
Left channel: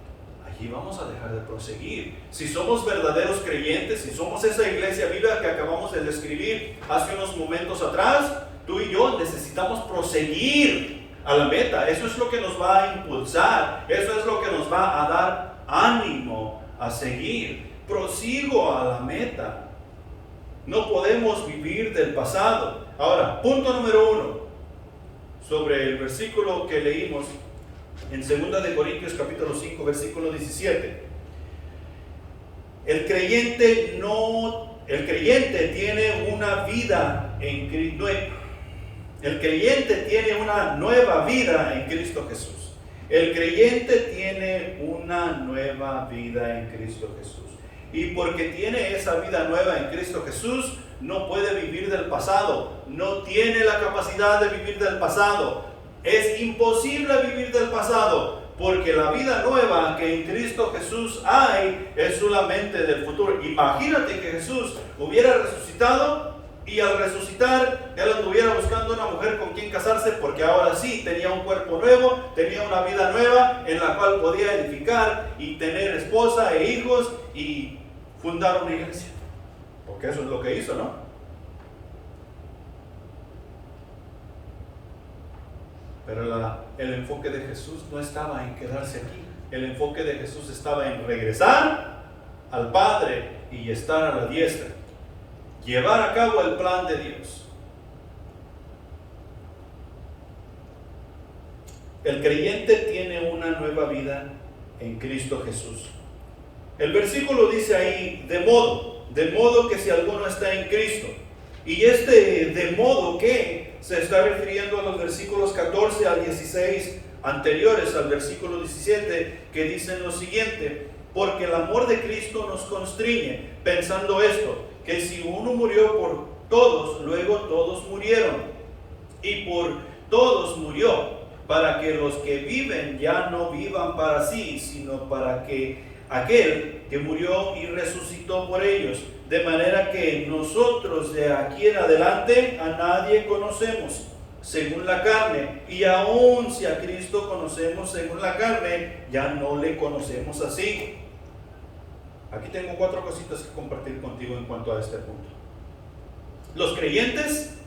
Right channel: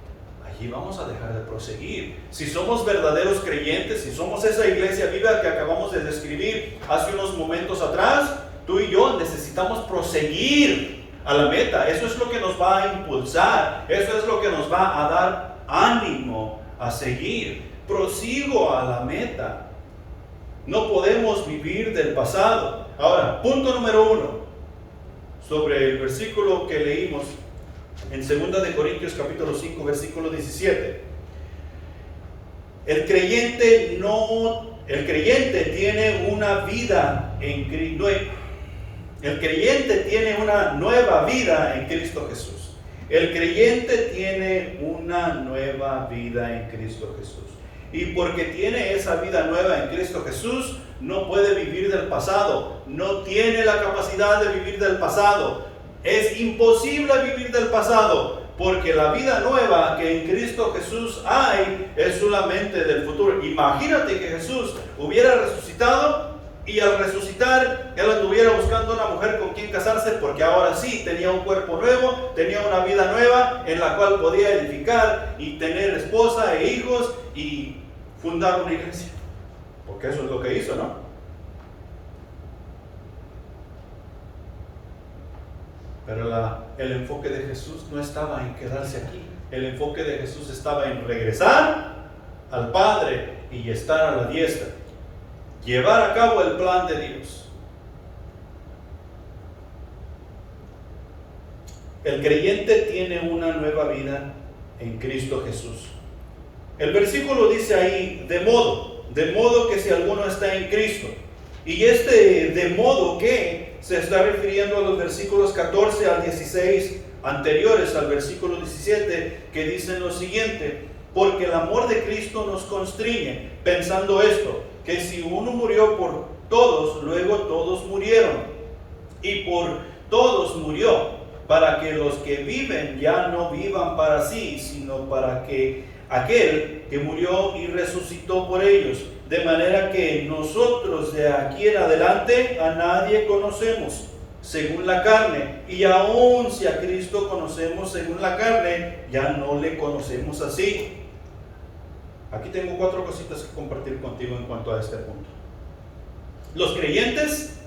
allí vamos a dejar de proseguir. Si somos verdaderos creyentes, si somos esa iglesia viva que acabamos de describir hace unos momentos atrás, tú y yo necesitamos proseguir a la meta. Eso es lo que nos va a impulsar, eso es lo que nos va a dar ánimo a seguir. Prosigo a la meta. No podemos vivir del pasado. Ahora, punto número 1, sobre el versículo que leímos en 2 de Corintios capítulo 5, versículo 17. El creyente tiene una vida en Cristo. El creyente tiene una nueva vida en Cristo Jesús. El creyente tiene una nueva vida en Cristo Jesús. Y porque tiene esa vida nueva en Cristo Jesús, no puede vivir del pasado. No tiene la capacidad de vivir del pasado. Es imposible vivir del pasado, porque la vida nueva que en Cristo Jesús hay es solamente del futuro. Imagínate que Jesús hubiera resucitado y al resucitar él anduviera buscando una mujer con quien casarse, porque ahora sí tenía un cuerpo nuevo, tenía una vida nueva en la cual podía edificar y tener esposa e hijos y fundar una iglesia, porque eso es lo que hizo, ¿no? Pero el enfoque de Jesús no estaba en quedarse aquí. El enfoque de Jesús estaba en regresar al Padre y estar a la diestra. Llevar a cabo el plan de Dios. El creyente tiene una nueva vida en Cristo Jesús. El versículo dice ahí, de modo que si alguno está en Cristo. Y de modo que se está refiriendo a los versículos 14 al 16 anteriores al versículo 17, que dicen lo siguiente: porque el amor de Cristo nos constriñe, pensando esto, que si uno murió por todos, luego todos murieron, y por todos murió, para que los que viven ya no vivan para sí, sino para que aquel que murió y resucitó por ellos, de manera que nosotros de aquí en adelante a nadie conocemos según la carne, y aun si a Cristo conocemos según la carne, ya no le conocemos así. Aquí tengo 4 cositas que compartir contigo en cuanto a este punto. Los creyentes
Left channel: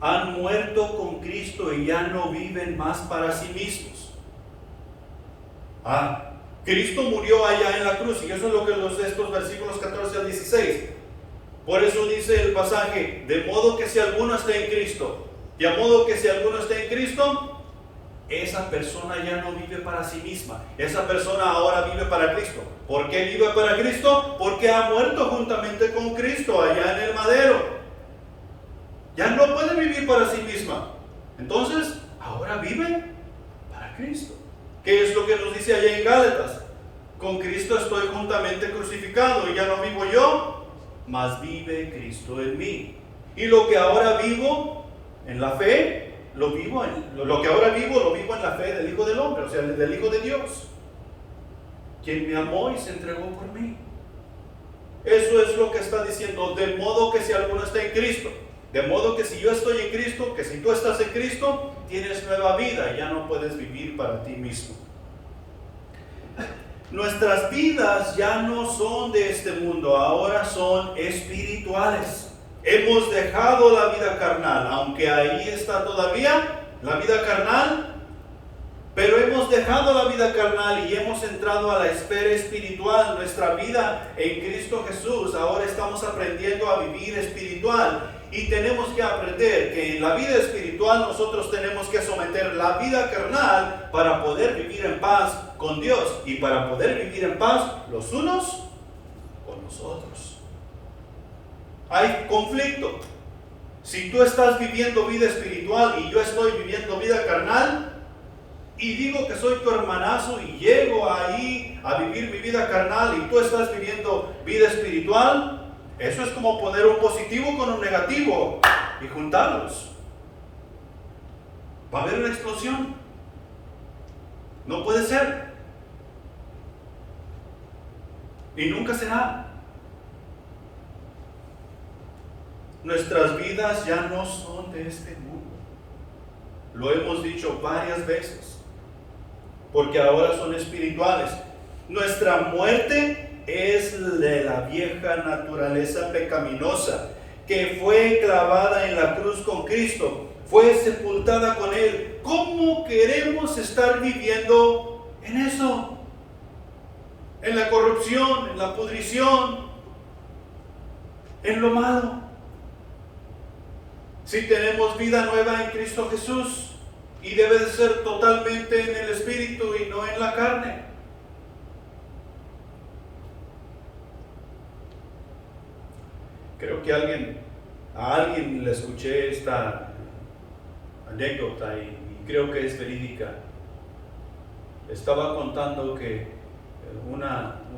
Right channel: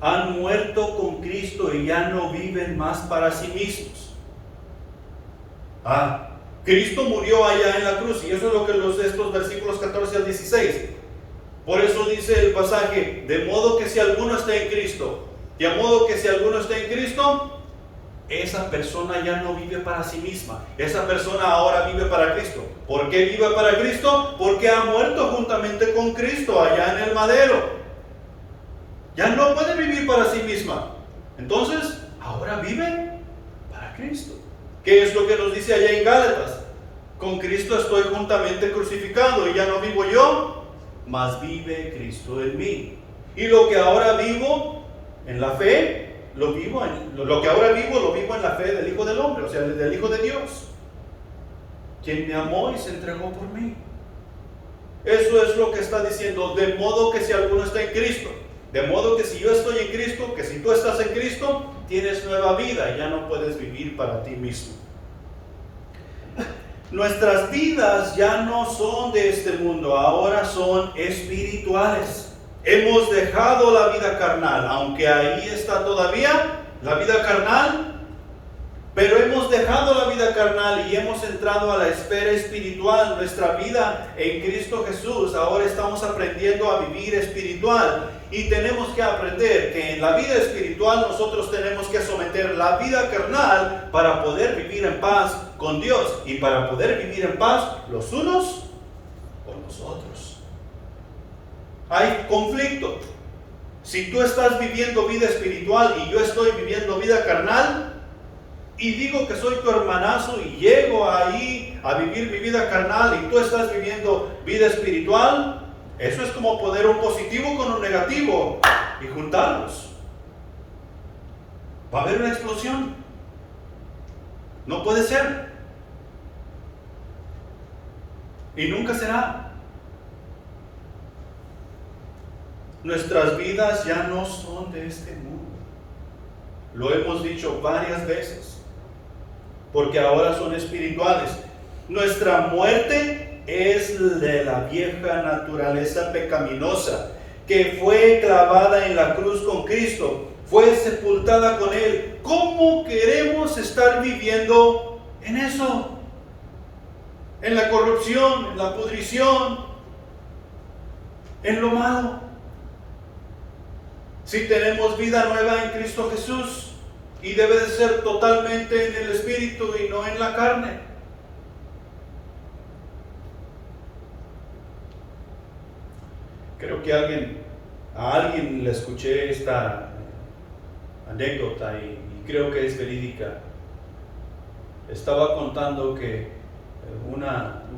han muerto con Cristo y ya no viven más para sí mismos. Cristo murió allá en la cruz, y eso es lo que estos versículos 14 al 16. Por eso dice el pasaje, de modo que si alguno está en Cristo, esa persona ya no vive para sí misma. Esa persona ahora vive para Cristo. ¿Por qué vive para Cristo? Porque ha muerto juntamente con Cristo allá en el madero. Ya no puede vivir para sí misma. Entonces, ahora vive para Cristo. ¿Qué es lo que nos dice allá en Gálatas? Con Cristo estoy juntamente crucificado, y ya no vivo yo, mas vive Cristo en mí. Y lo que ahora vivo en la fe, lo vivo en la fe del Hijo del Hombre, o sea, del Hijo de Dios, quien me amó y se entregó por mí. Eso es lo que está diciendo, de modo que si alguno está en Cristo, de modo que si yo estoy en Cristo, que si tú estás en Cristo, tienes nueva vida y ya no puedes vivir para ti mismo. Nuestras vidas ya no son de este mundo, ahora son espirituales. Hemos dejado la vida carnal, aunque ahí está todavía la vida carnal, pero hemos dejado la vida carnal y hemos entrado a la esfera espiritual. Nuestra vida en Cristo Jesús, ahora estamos aprendiendo a vivir espiritual, y tenemos que aprender que en la vida espiritual nosotros tenemos que someter la vida carnal para poder vivir en paz con Dios y para poder vivir en paz los unos con los otros. Hay conflicto. Si tú estás viviendo vida espiritual y yo estoy viviendo vida carnal, y digo que soy tu hermanazo y llego ahí a vivir mi vida carnal y tú estás viviendo vida espiritual, eso es como poner un positivo con un negativo y juntarlos. Va a haber una explosión. No puede ser. Y nunca será. Nuestras vidas ya no son de este mundo. Lo hemos dicho varias veces, porque ahora son espirituales. Nuestra muerte es de la vieja naturaleza pecaminosa, que fue clavada en la cruz con Cristo, fue sepultada con Él. ¿Cómo queremos estar viviendo en eso? En la corrupción, en la pudrición, en lo malo. Si tenemos vida nueva en Cristo Jesús, y debe de ser totalmente en el Espíritu y no en la carne. Creo que a alguien le escuché esta anécdota y creo que es verídica. Estaba contando que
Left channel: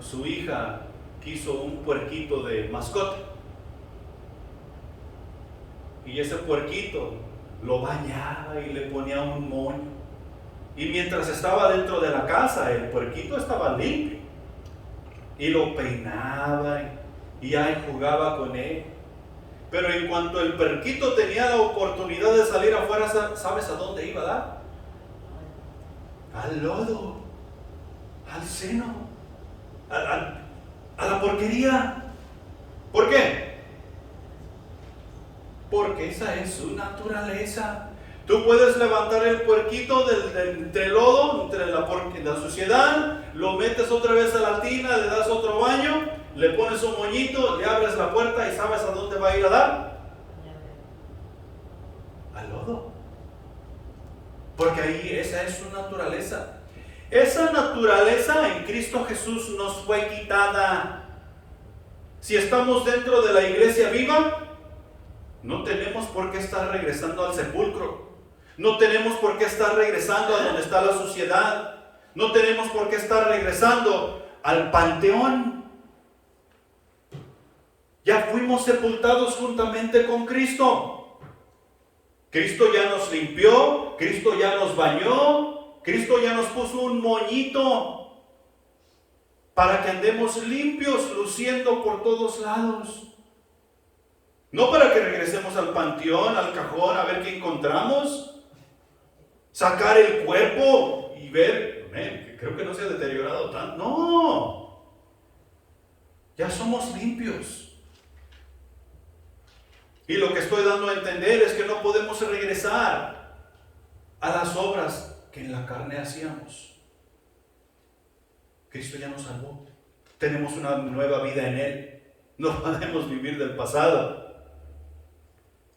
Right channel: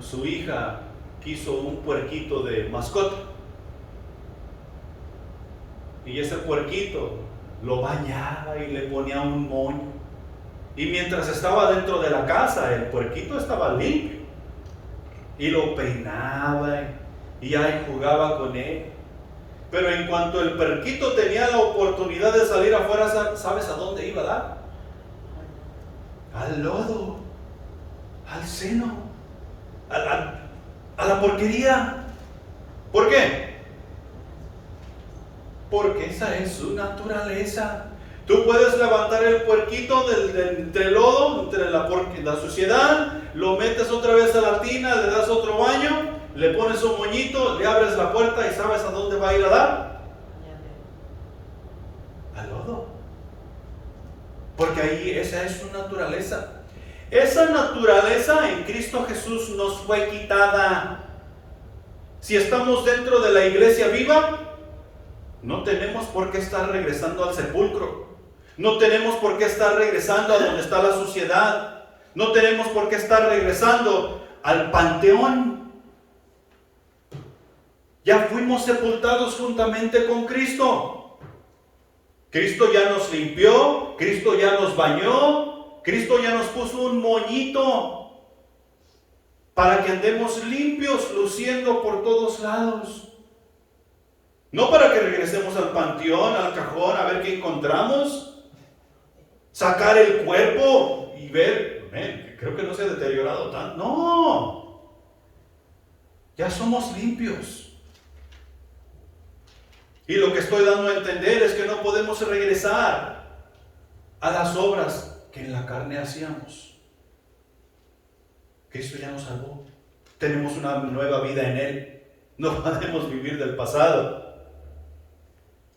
su hija quiso un puerquito de mascota, y ese puerquito lo bañaba y le ponía un moño, y mientras estaba dentro de la casa el puerquito estaba limpio y lo peinaba y ahí jugaba con él. Pero en cuanto el puerquito tenía la oportunidad de salir afuera, ¿sabes a dónde iba a dar? Al lodo, al seno, a la porquería. ¿Por qué? Porque esa es su naturaleza. Tú puedes levantar el puerquito entre el lodo, entre la suciedad, lo metes otra vez a la tina, le das otro baño, le pones un moñito, le abres la puerta y ¿sabes a dónde va a ir a dar? Al lodo. Porque ahí esa es su naturaleza. Esa naturaleza en Cristo Jesús nos fue quitada. Si estamos dentro de la iglesia viva, no tenemos por qué estar regresando al sepulcro. No tenemos por qué estar regresando a donde está la suciedad. No tenemos por qué estar regresando al panteón. Ya fuimos sepultados juntamente con Cristo. Cristo ya nos limpió, Cristo ya nos bañó, Cristo ya nos puso un moñito. para que andemos limpios, luciendo por todos lados. No para que regresemos al panteón, al cajón, a ver qué encontramos. Sacar el cuerpo y ver, creo que no se ha deteriorado tanto. No, ya somos limpios. Y lo que estoy dando a entender es que no podemos regresar a las obras que en la carne hacíamos. Cristo ya nos salvó. Tenemos una nueva vida en Él. No podemos vivir del pasado.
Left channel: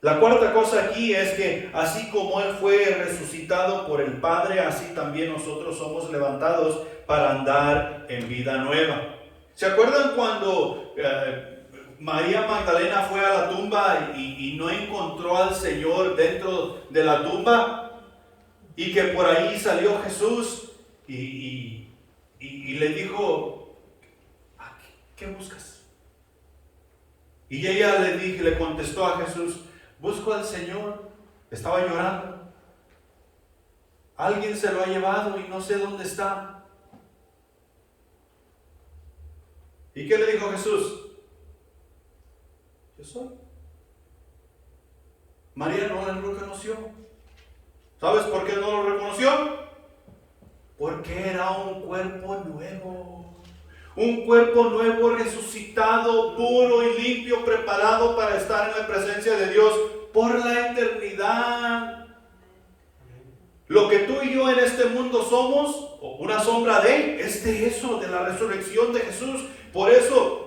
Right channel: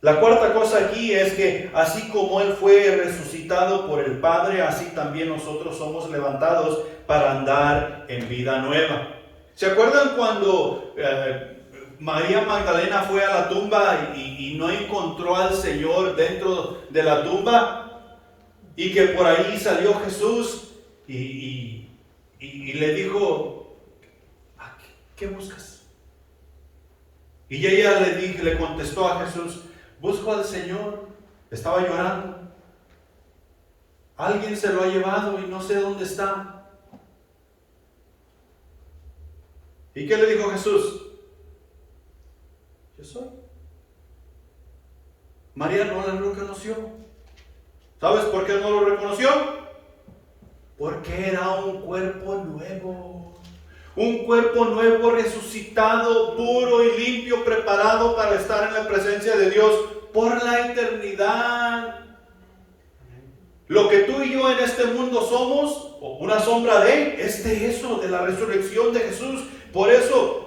La cuarta cosa aquí es que así como Él fue resucitado por el Padre, así también nosotros somos levantados para andar en vida nueva. ¿Se acuerdan cuando María Magdalena fue a la tumba y no encontró al Señor dentro de la tumba? Y que por ahí salió Jesús y le dijo, ¿qué buscas? Y ella le contestó a Jesús, busco al Señor. Estaba llorando. Alguien se lo ha llevado y no sé dónde está. ¿Y qué le dijo Jesús? Yo soy. María no lo reconoció. ¿Sabes por qué no lo reconoció? Porque era un cuerpo nuevo. Un cuerpo nuevo, resucitado, puro y limpio, preparado para estar en la presencia de Dios por la eternidad. Lo que tú y yo en este mundo somos, una sombra de eso, de la resurrección de Jesús. Por eso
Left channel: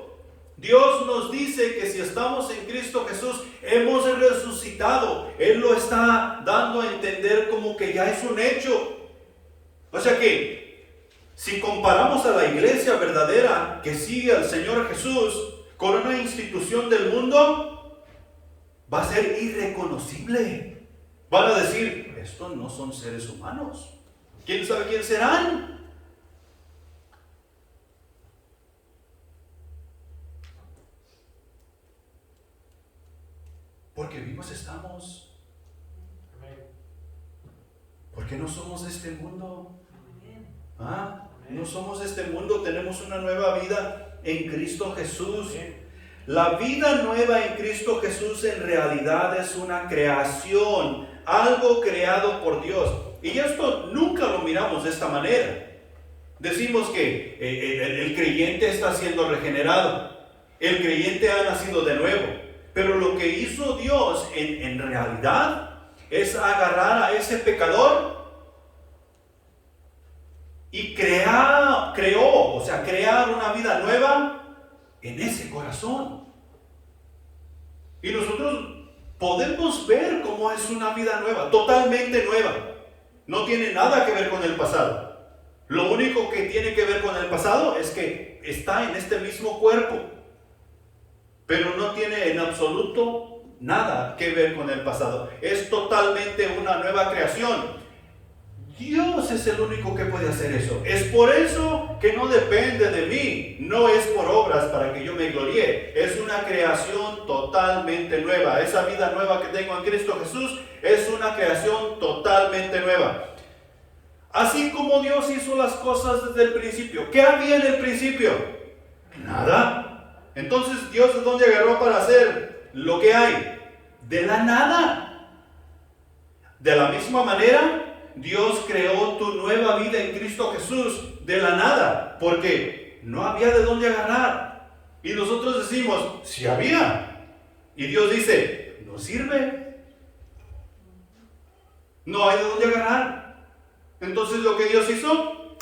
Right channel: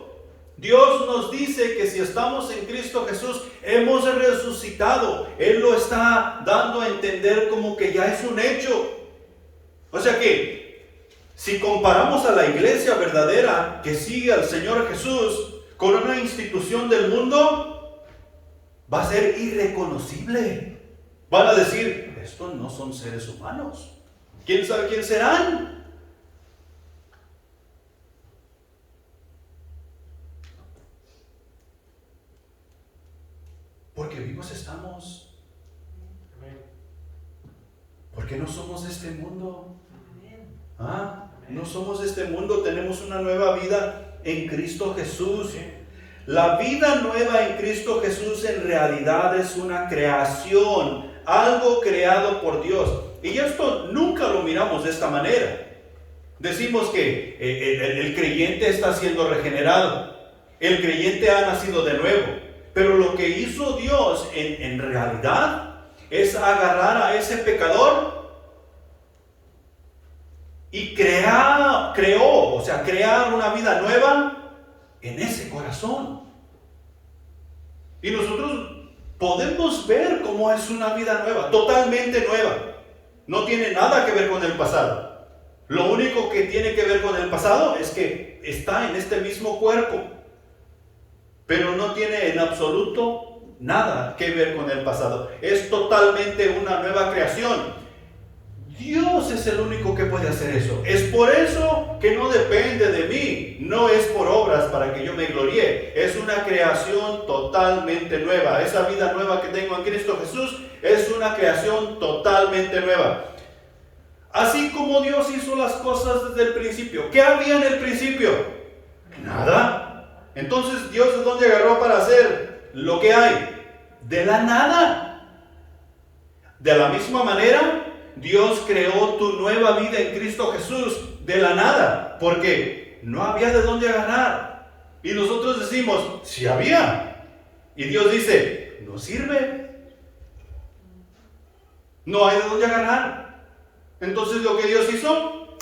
Dios nos dice que si estamos en Cristo Jesús, hemos resucitado. Él lo está dando a entender como que ya es un hecho. O sea que si comparamos a la iglesia verdadera que sigue al Señor Jesús con una institución del mundo, va a ser irreconocible. Van a decir, estos no son seres humanos. ¿Quién sabe quién serán? Porque vivos estamos. Porque no somos de este mundo. No somos de este mundo, tenemos una nueva vida en Cristo Jesús. La vida nueva en Cristo Jesús en realidad es una creación, algo creado por Dios. Y esto nunca lo miramos de esta manera. Decimos que el creyente está siendo regenerado, el creyente ha nacido de nuevo. Pero lo que hizo Dios en realidad es agarrar a ese pecador y crear una vida nueva en ese corazón. Y nosotros podemos ver cómo es una vida nueva, totalmente nueva. No tiene nada que ver con el pasado. Lo único que tiene que ver con el pasado es que está en este mismo cuerpo, pero no tiene en absoluto nada que ver con el pasado. Es totalmente una nueva creación. Dios es el único que puede hacer eso. Es por eso que no depende de mí. No es por obras para que yo me gloríe. Es una creación totalmente nueva. Esa vida nueva que tengo en Cristo Jesús es una creación totalmente nueva. Así como Dios hizo las cosas desde el principio. ¿Qué había en el principio? Nada. Entonces, ¿Dios de dónde agarró para hacer lo que hay? De la nada. De la misma manera, Dios creó tu nueva vida en Cristo Jesús de la nada, porque no había de dónde agarrar. Y nosotros decimos, sí había. Y Dios dice, no sirve. No hay de dónde agarrar. Entonces lo que Dios hizo,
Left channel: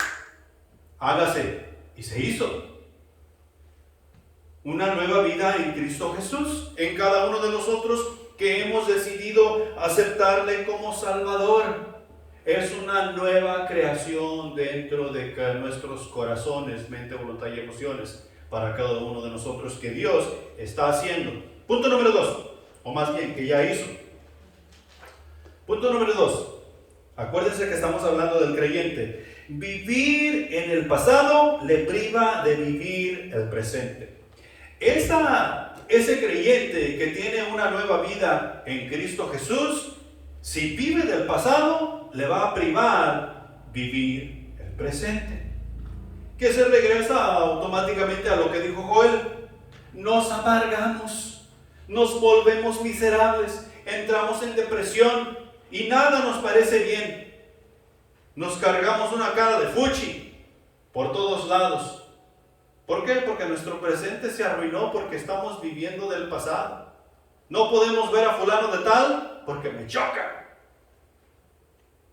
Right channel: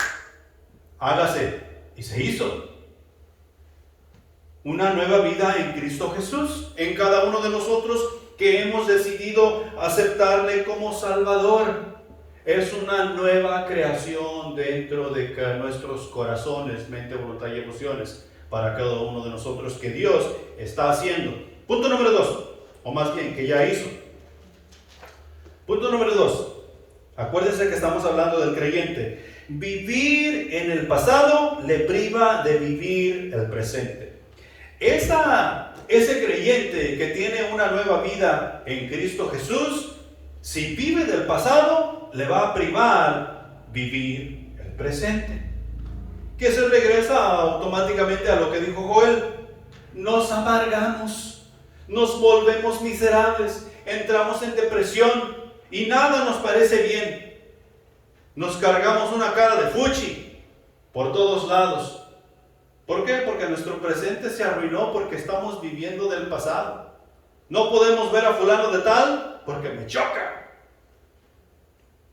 hágase. Y se hizo. Una nueva vida en Cristo Jesús, en cada uno de nosotros que hemos decidido aceptarle como Salvador. Es una nueva creación dentro de nuestros corazones, mente, voluntad y emociones para cada uno de nosotros que Dios está haciendo. Punto número 2, o más bien que ya hizo. Punto número 2. Acuérdense que estamos hablando del creyente. Vivir en el pasado le priva de vivir el presente. Ese creyente que tiene una nueva vida en Cristo Jesús, si vive del pasado, le va a privar vivir el presente. que se regresa automáticamente a lo que dijo Joel. Nos amargamos, nos volvemos miserables, entramos en depresión y nada nos parece bien. Nos cargamos una cara de fuchi por todos lados. ¿Por qué? Porque nuestro presente se arruinó porque estamos viviendo del pasado. No podemos ver a fulano de tal porque me choca.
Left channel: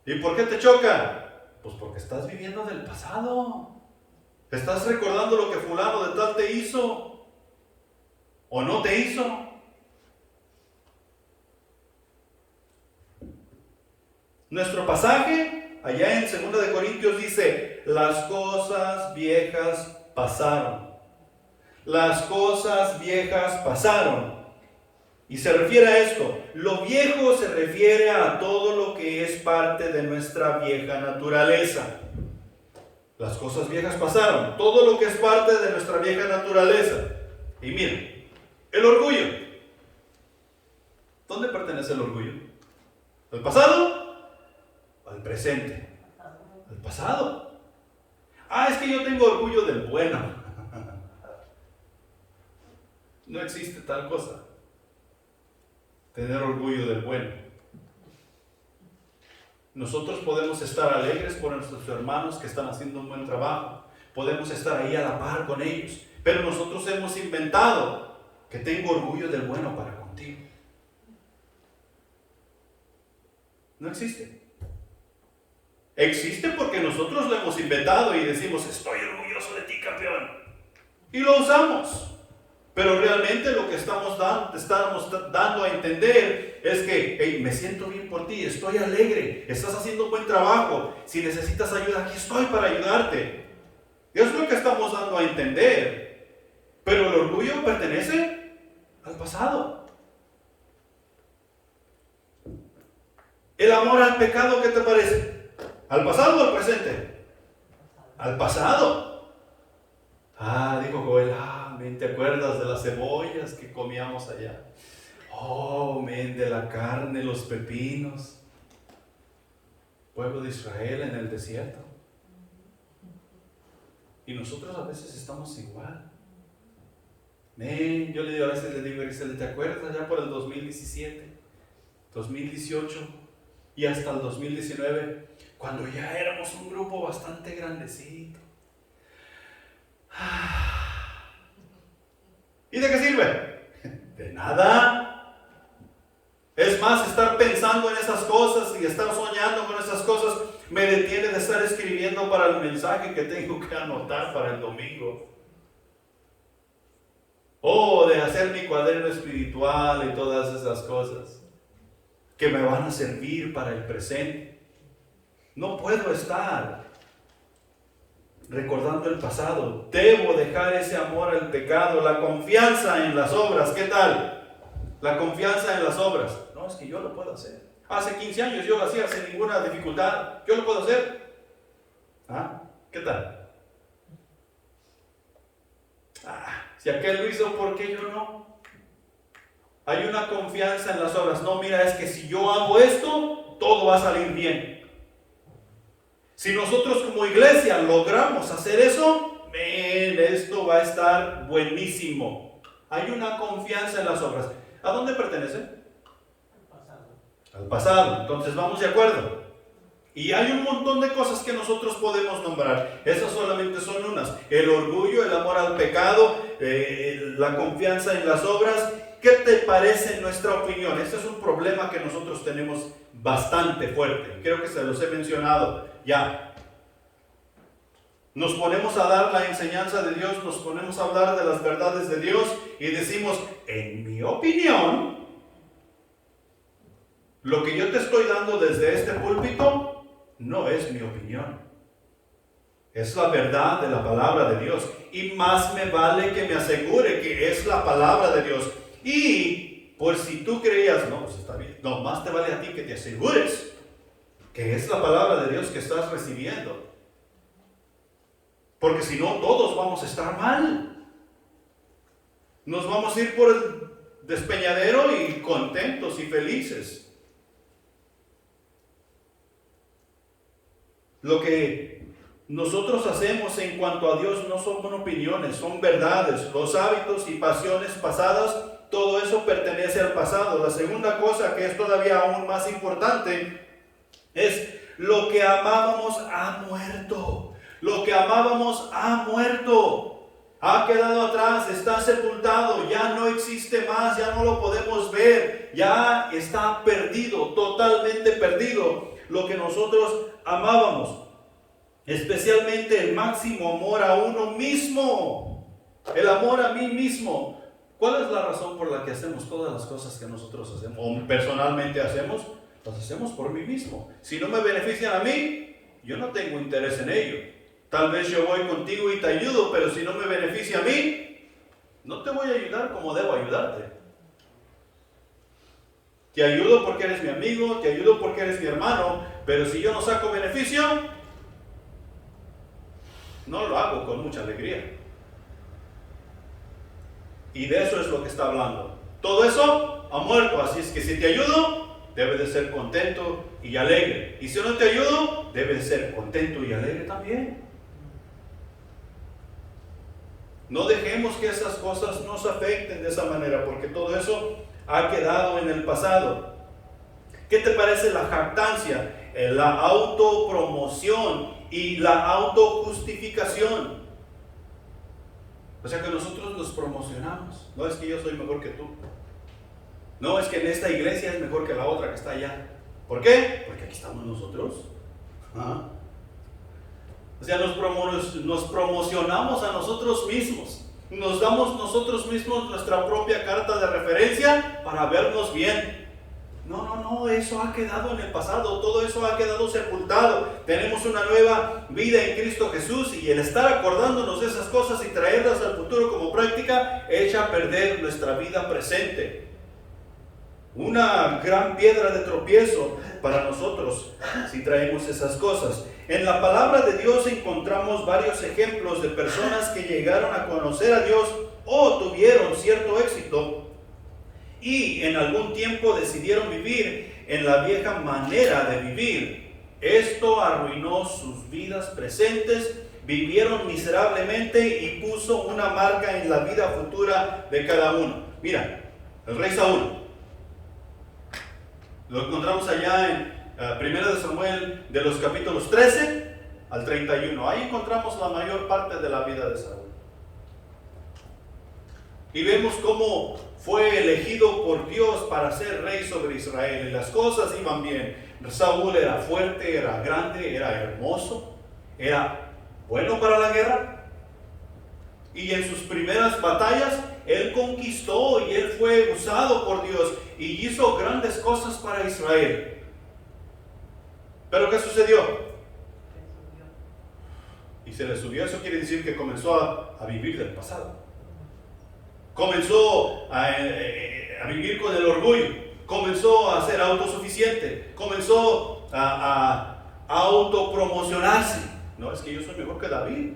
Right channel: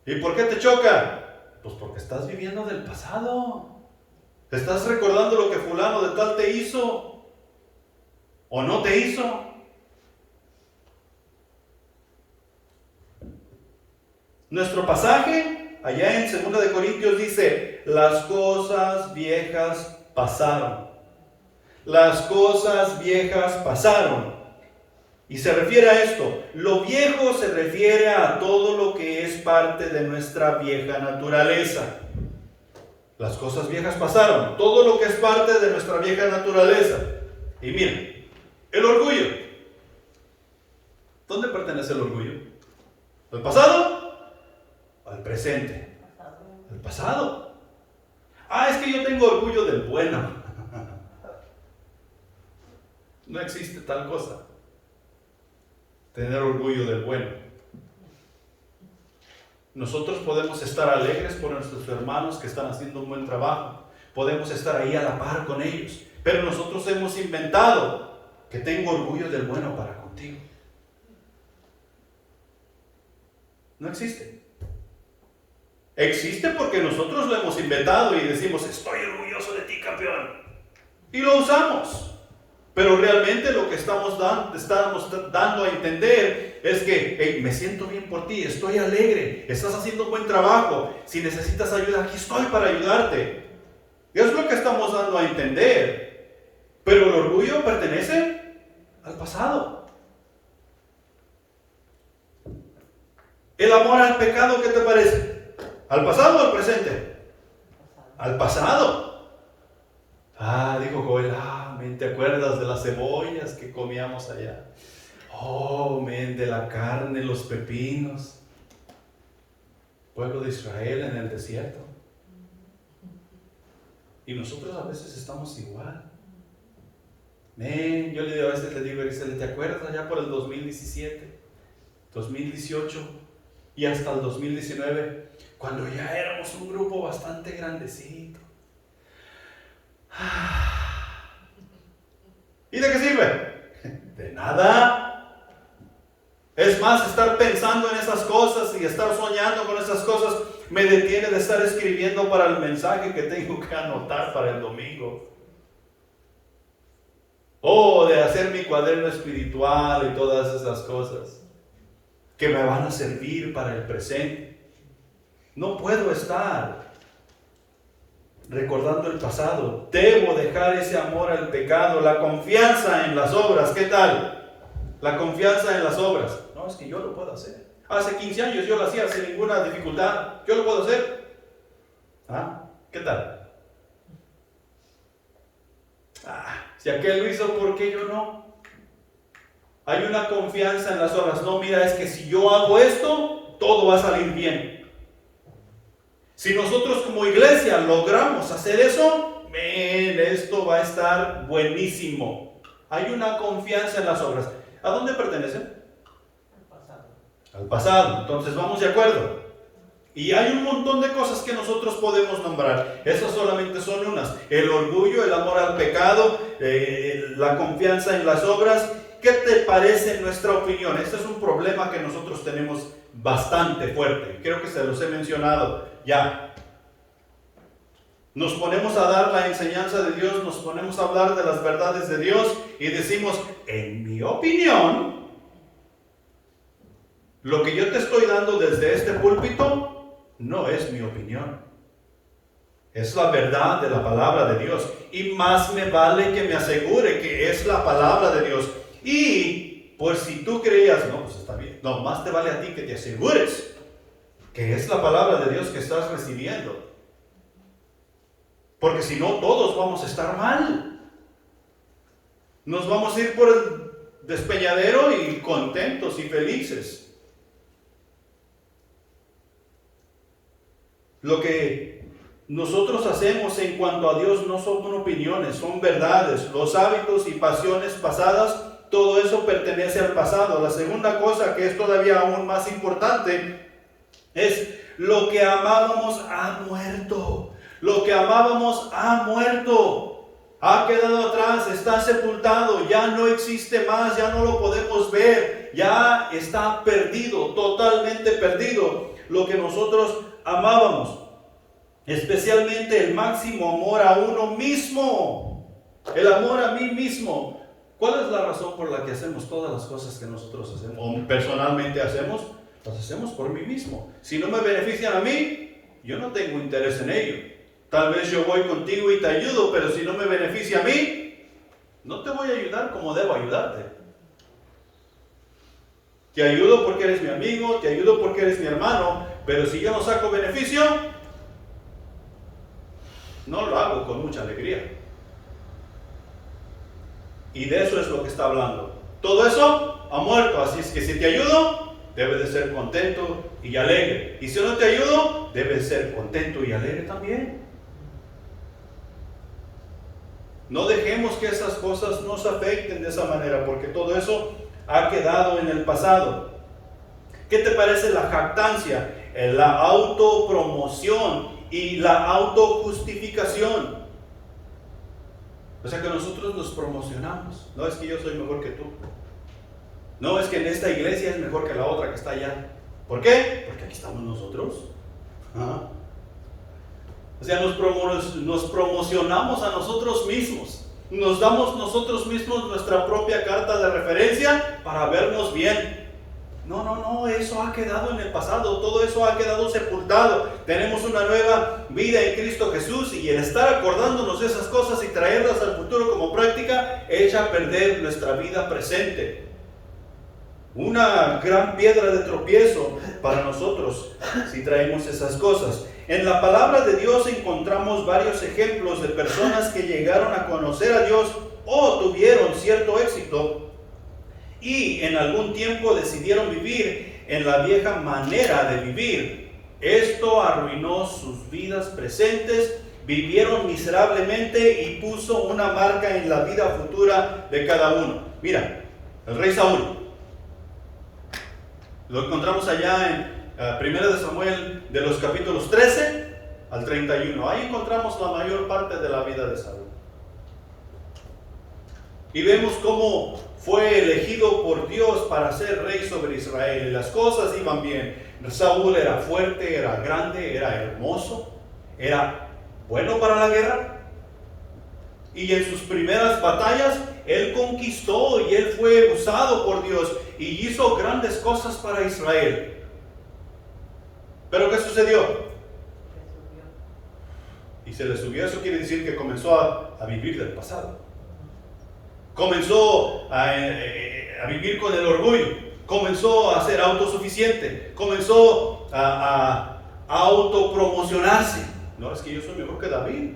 ¿Y por qué te choca? Pues porque estás viviendo del pasado. Estás recordando lo que fulano de tal te hizo o no te hizo. Nuestro pasaje allá en 2 de Corintios dice: las cosas viejas pasaron. Las cosas viejas pasaron. Y se refiere a esto. Lo viejo se refiere a todo lo que es parte de nuestra vieja naturaleza. Las cosas viejas pasaron. Todo lo que es parte de nuestra vieja naturaleza. Y miren, el orgullo. ¿Dónde pertenece el orgullo? ¿Al pasado? ¿Al presente? Al pasado. Es que yo tengo orgullo del bueno. No existe tal cosa. Tener orgullo del bueno. Nosotros podemos estar alegres por nuestros hermanos que están haciendo un buen trabajo. Podemos estar ahí a la par con ellos. Pero nosotros hemos inventado que tengo orgullo del bueno para contigo. No existe. Existe porque nosotros lo hemos inventado y decimos: estoy orgulloso de ti, campeón. Y lo usamos. Pero realmente lo que estamos dando a entender es que hey, me siento bien por ti, estoy alegre, estás haciendo un buen trabajo. Si necesitas ayuda, aquí estoy para ayudarte. Es lo que estamos dando a entender. Pero el orgullo pertenece al pasado. El amor al pecado, ¿qué te parece? ¿Al pasado o al presente? Al pasado. Dijo Joel, ¿te acuerdas de las cebollas que comíamos allá? De la carne, los pepinos. Pueblo de Israel en el desierto. Y nosotros a veces estamos igual. Yo a veces le digo a Grisel, ¿te acuerdas allá por el 2017, 2018 y hasta el 2019? Cuando ya éramos un grupo bastante grandecito. ¿Y de qué sirve? De nada. Es más, estar pensando en esas cosas y estar soñando con esas cosas me detiene de estar escribiendo para el mensaje que tengo que anotar para el domingo. O de hacer mi cuaderno espiritual y todas esas cosas que me van a servir para el presente. No puedo estar recordando el pasado. Debo dejar ese amor al pecado, la confianza en las obras. ¿Qué tal? La confianza en las obras. No, es que yo lo puedo hacer. Hace 15 años yo lo hacía sin ninguna dificultad. Yo lo puedo hacer. ¿Qué tal? Si aquel lo hizo, ¿por qué yo no? Hay una confianza en las obras. No, mira, es que si yo hago esto, todo va a salir bien. Si nosotros como iglesia logramos hacer eso, esto va a estar buenísimo. Hay una confianza en las obras. ¿A dónde pertenecen? Al pasado. Entonces vamos de acuerdo. Y hay un montón de cosas que nosotros podemos nombrar. Esas solamente son unas. El orgullo, el amor al pecado, la confianza en las obras. ¿Qué te parece en nuestra opinión? Este es un problema que nosotros tenemos bastante fuerte. Creo que se los he mencionado ya. Nos ponemos a dar la enseñanza de Dios, nos ponemos a hablar de las verdades de Dios y decimos, en mi opinión, lo que yo te estoy dando desde este púlpito no es mi opinión. Es la verdad de la palabra de Dios. Y más me vale que me asegure que es la palabra de Dios. Y pues si tú creías, no, pues está bien. No, más te vale a ti que te asegures que es la palabra de Dios que estás recibiendo. Porque si no, todos vamos a estar mal. Nos vamos a ir por el despeñadero y contentos y felices. Lo que nosotros hacemos en cuanto a Dios no son opiniones, son verdades. Los hábitos y pasiones pasadas, todo eso pertenece al pasado. La segunda cosa, que es todavía aún más importante, es lo que amábamos ha muerto. Lo que amábamos ha muerto. Ha quedado atrás, está sepultado, ya no existe más, ya no lo podemos ver, ya está perdido, totalmente perdido lo que nosotros amábamos. Especialmente el máximo amor a uno mismo, el amor a mí mismo. ¿Cuál es la razón por la que hacemos todas las cosas que nosotros hacemos o personalmente hacemos? Las hacemos por mí mismo. Si no me benefician a mí, yo no tengo interés en ello. Tal vez yo voy contigo y te ayudo, pero si no me beneficia a mí, no te voy a ayudar como debo ayudarte. Te ayudo porque eres mi amigo, te ayudo porque eres mi hermano, pero si yo no saco beneficio, no lo hago con mucha alegría. Y de eso es lo que está hablando. Todo eso ha muerto, así es que si te ayudo, debes de ser contento y alegre. Y si no te ayudo, debes ser contento y alegre también. No dejemos que esas cosas nos afecten de esa manera, porque todo eso ha quedado en el pasado. ¿Qué te parece la jactancia, la autopromoción y la autojustificación? O sea que nosotros nos promocionamos. No es que yo soy mejor que tú. No es que en esta iglesia es mejor que la otra que está allá. ¿Por qué? Porque aquí estamos nosotros. ¿Ah? O sea, nos promocionamos a nosotros mismos. Nos damos nosotros mismos nuestra propia carta de referencia para vernos bien. No, eso ha quedado en el pasado. Todo eso ha quedado sepultado. Tenemos una nueva vida en Cristo Jesús, y el estar acordándonos de esas cosas y traerlas al futuro como práctica echa a perder nuestra vida presente. Una gran piedra de tropiezo para nosotros si traemos esas cosas. En la palabra de Dios encontramos varios ejemplos de personas que llegaron a conocer a Dios o tuvieron cierto éxito y en algún tiempo decidieron vivir en la vieja manera de vivir. Esto arruinó sus vidas presentes, vivieron miserablemente y puso una marca en la vida futura de cada uno. Mira, el rey Saúl. Lo encontramos allá en 1 de Samuel, de los capítulos 13 al 31. Ahí encontramos la mayor parte de la vida de Saúl. Y vemos cómo fue elegido por Dios para ser rey sobre Israel. Y las cosas iban bien. Saúl era fuerte, era grande, era hermoso, era bueno para la guerra. Y en sus primeras batallas, él conquistó y él fue usado por Dios y hizo grandes cosas para Israel. ¿Pero qué sucedió? Y se le subió. Eso quiere decir que comenzó a vivir del pasado. Comenzó a vivir con el orgullo. Comenzó a ser autosuficiente. Comenzó a autopromocionarse. No, es que yo soy mejor que David.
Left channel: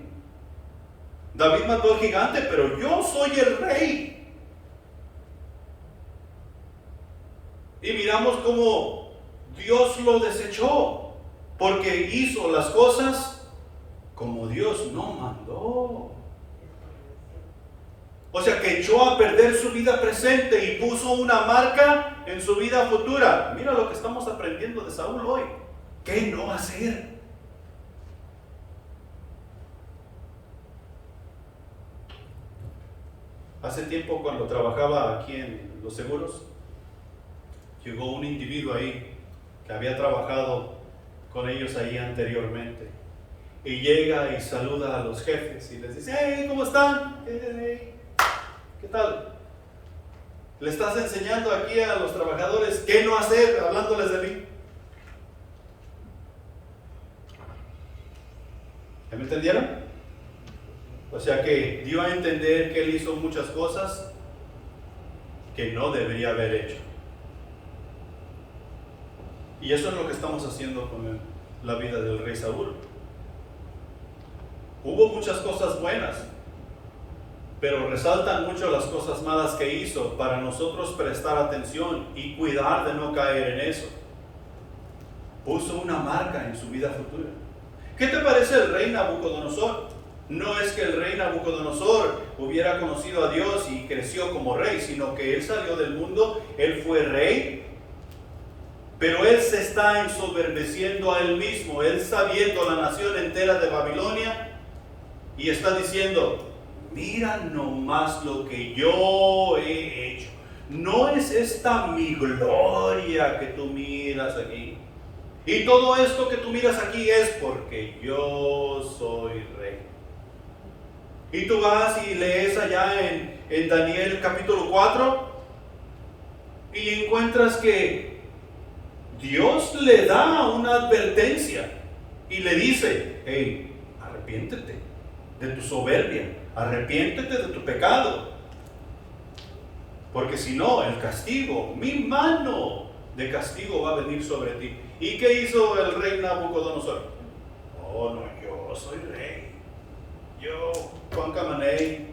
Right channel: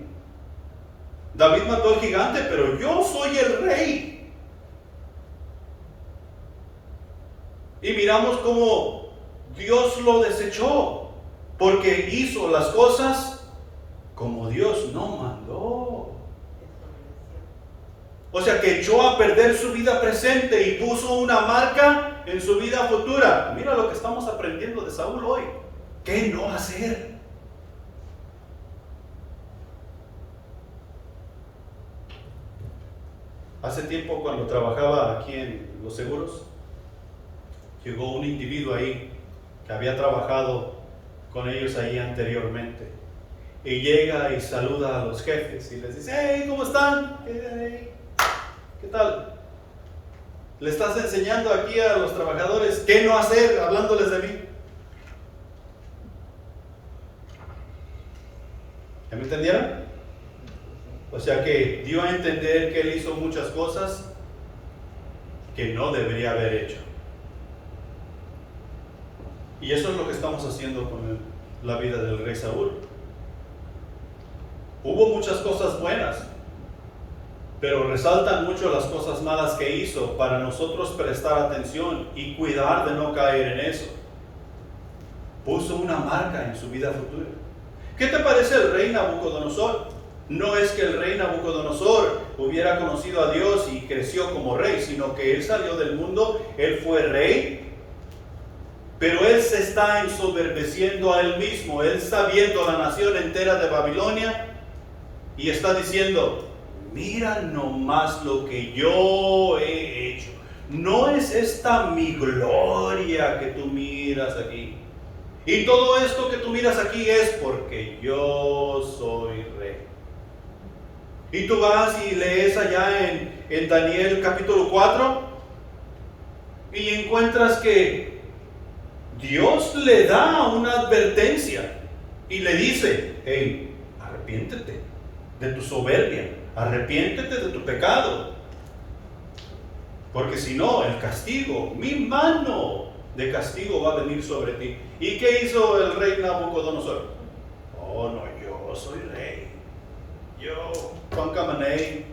David mató al gigante, pero yo soy el rey. Y miramos cómo Dios lo desechó, porque hizo las cosas como Dios no mandó. O sea que echó a perder su vida presente y puso una marca en su vida futura. Mira lo que estamos aprendiendo de Saúl hoy. ¿Qué no hacer? Hace tiempo, cuando trabajaba aquí en los seguros, llegó un individuo ahí que había trabajado con ellos ahí anteriormente. Y llega y saluda a los jefes y les dice: hey, ¿cómo están? ¿Qué tal? Le estás enseñando aquí a los trabajadores qué no hacer, hablándoles de mí. ¿Ya me entendieron? O sea que dio a entender que él hizo muchas cosas que no debería haber hecho. Y eso es lo que estamos haciendo con la vida del rey Saúl. Hubo muchas cosas buenas, pero resaltan mucho las cosas malas que hizo para nosotros prestar atención y cuidar de no caer en eso. Puso una marca en su vida futura. ¿Qué te parece el rey Nabucodonosor? No es que el rey Nabucodonosor hubiera conocido a Dios y creció como rey, sino que él salió del mundo, él fue rey, pero él se está ensoberbeciendo a él mismo. Él está viendo la nación entera de Babilonia y está diciendo: mira nomás lo que yo he hecho. No es esta mi gloria que tú miras aquí. Y todo esto que tú miras aquí es porque yo soy rey. Y tú vas y lees allá en Daniel capítulo 4 y encuentras que Dios le da una advertencia y le dice: hey, arrepiéntete de tu soberbia, arrepiéntete de tu pecado, porque si no, el castigo, mi mano de castigo va a venir sobre ti. ¿Y qué hizo el rey Nabucodonosor? Oh, no, yo soy rey, yo, Juan Camaney.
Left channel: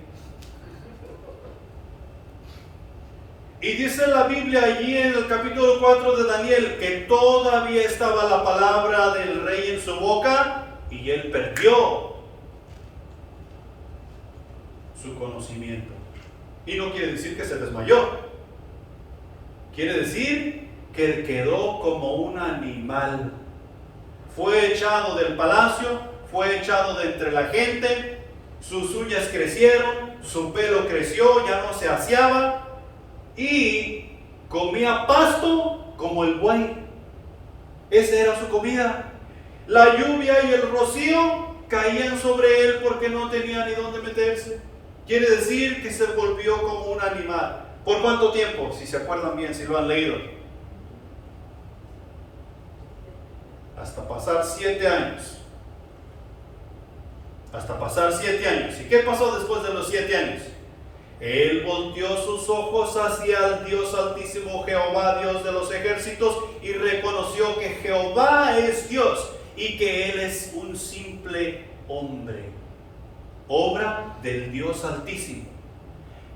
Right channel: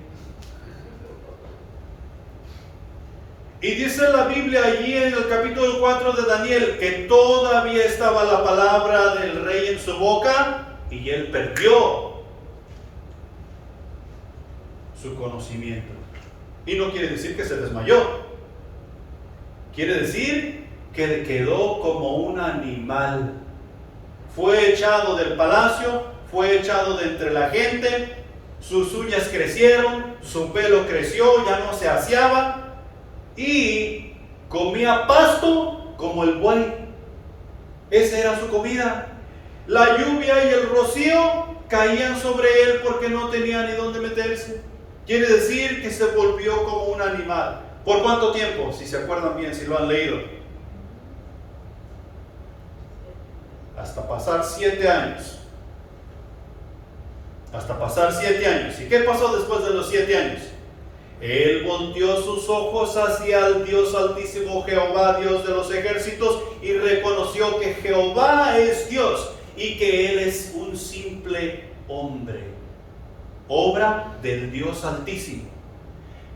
Y dice la Biblia allí en el capítulo 4 de Daniel que todavía estaba la palabra del rey en su boca y él perdió su conocimiento. Y no quiere decir que se desmayó. Quiere decir que quedó como un animal. Fue echado del palacio, fue echado de entre la gente, sus uñas crecieron, su pelo creció, ya no se aseaba y comía pasto como el buey. Esa era su comida. La lluvia y el rocío caían sobre él porque no tenía ni dónde meterse. Quiere decir que se volvió como un animal. ¿Por cuánto tiempo? Si se acuerdan bien, si lo han leído. Hasta pasar 7 años. Hasta pasar 7 años. ¿Y qué pasó después de los 7 años? Él volteó sus ojos hacia el Dios Altísimo, Jehová, Dios de los ejércitos, y reconoció que Jehová es Dios y que Él es un simple hombre, obra del Dios Altísimo.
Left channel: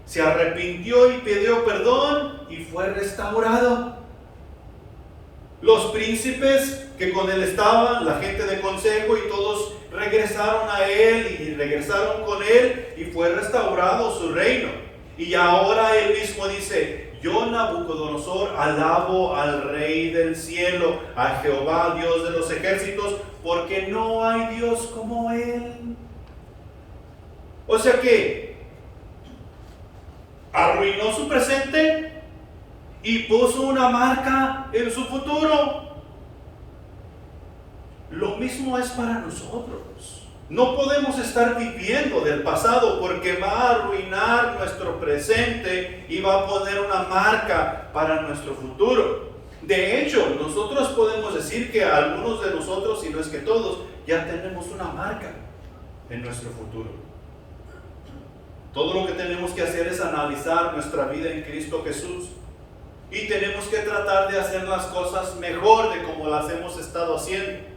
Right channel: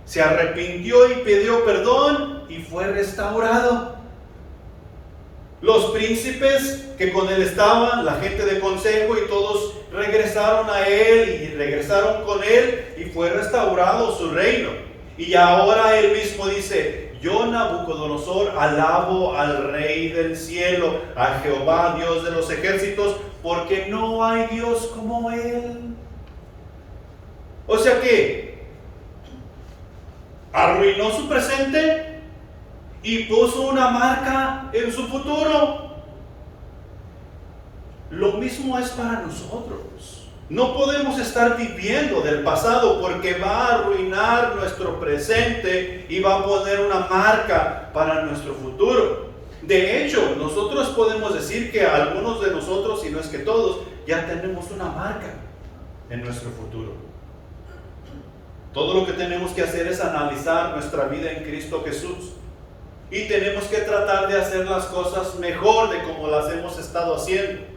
Se arrepintió y pidió perdón y fue restaurado. Los príncipes que con él estaban, la gente de consejo y todos regresaron a él y regresaron con él y fue restaurado su reino. Y ahora él mismo dice: yo, Nabucodonosor, alabo al Rey del cielo, a Jehová, Dios de los ejércitos, porque no hay Dios como él. O sea que arruinó su presente y puso una marca en su futuro. Lo mismo es para nosotros. No podemos estar viviendo del pasado porque va a arruinar nuestro presente y va a poner una marca para nuestro futuro. De hecho, nosotros podemos decir que algunos de nosotros, si no es que todos, ya tenemos una marca en nuestro futuro. Todo lo que tenemos que hacer es analizar nuestra vida en Cristo Jesús. Y tenemos que tratar de hacer las cosas mejor de como las hemos estado haciendo,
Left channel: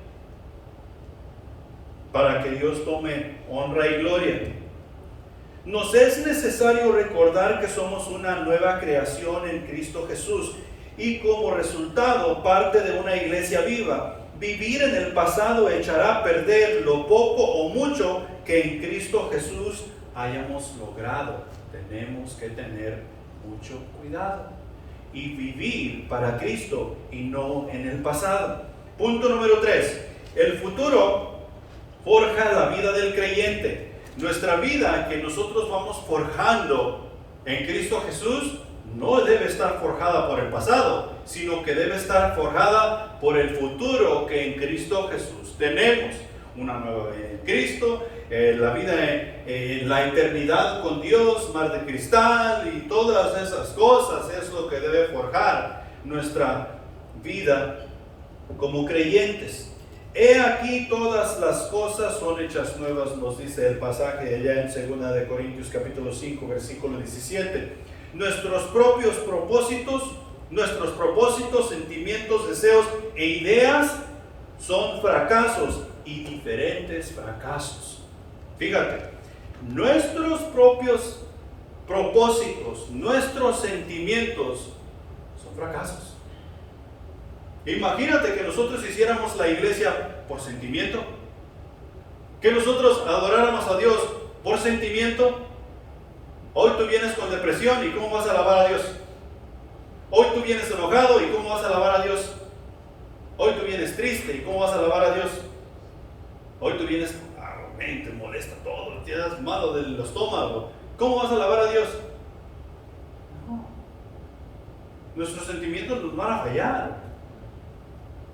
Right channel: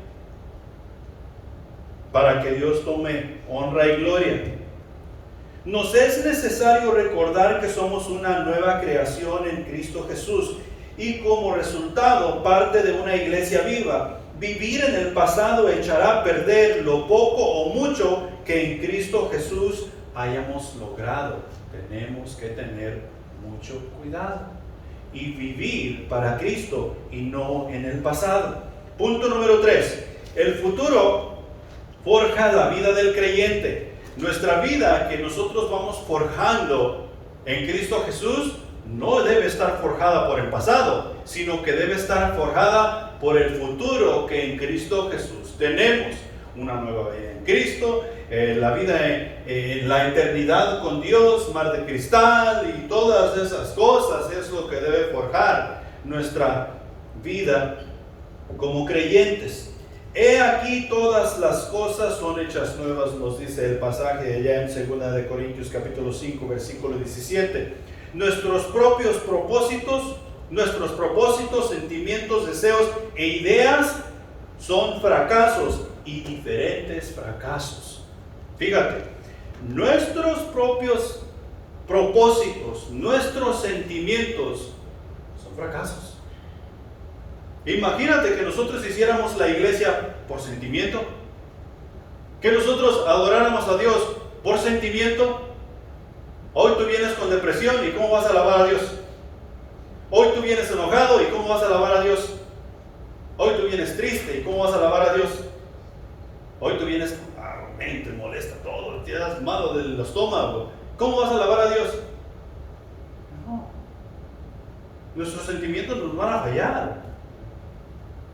para que Dios tome honra y gloria. Nos es necesario recordar que somos una nueva creación en Cristo Jesús y como resultado parte de una iglesia viva. Vivir en el pasado echará a perder lo poco o mucho que en Cristo Jesús hayamos logrado. Tenemos que tener mucho cuidado y vivir para Cristo y no en el pasado. Punto número 3. El futuro forja la vida del creyente. Nuestra vida que nosotros vamos forjando en Cristo Jesús no debe estar forjada por el pasado, sino que debe estar forjada por el futuro que en Cristo Jesús tenemos. Una nueva vida en Cristo, la vida en la eternidad con Dios, mar de cristal y todas esas cosas es lo que debe forjar nuestra vida como creyentes. He aquí todas las cosas son hechas nuevas, nos dice el pasaje allá en 2 Corintios capítulo 5 versículo 17. Nuestros propios propósitos, sentimientos, deseos e ideas son fracasos y diferentes fracasos. Fíjate, nuestros propios propósitos, nuestros sentimientos son fracasos. Imagínate que nosotros hiciéramos la iglesia por sentimiento. Que nosotros adoráramos a Dios por sentimiento. Hoy tú vienes con depresión y ¿cómo vas a alabar a Dios? Hoy tú vienes enojado y ¿cómo vas a alabar a Dios? Hoy tú vienes triste y ¿cómo vas a alabar a Dios? Hoy tú vienes te molesta todo, te das malo del estómago. ¿Cómo vas a alabar a Dios? No. Nuestros sentimientos nos van a fallar.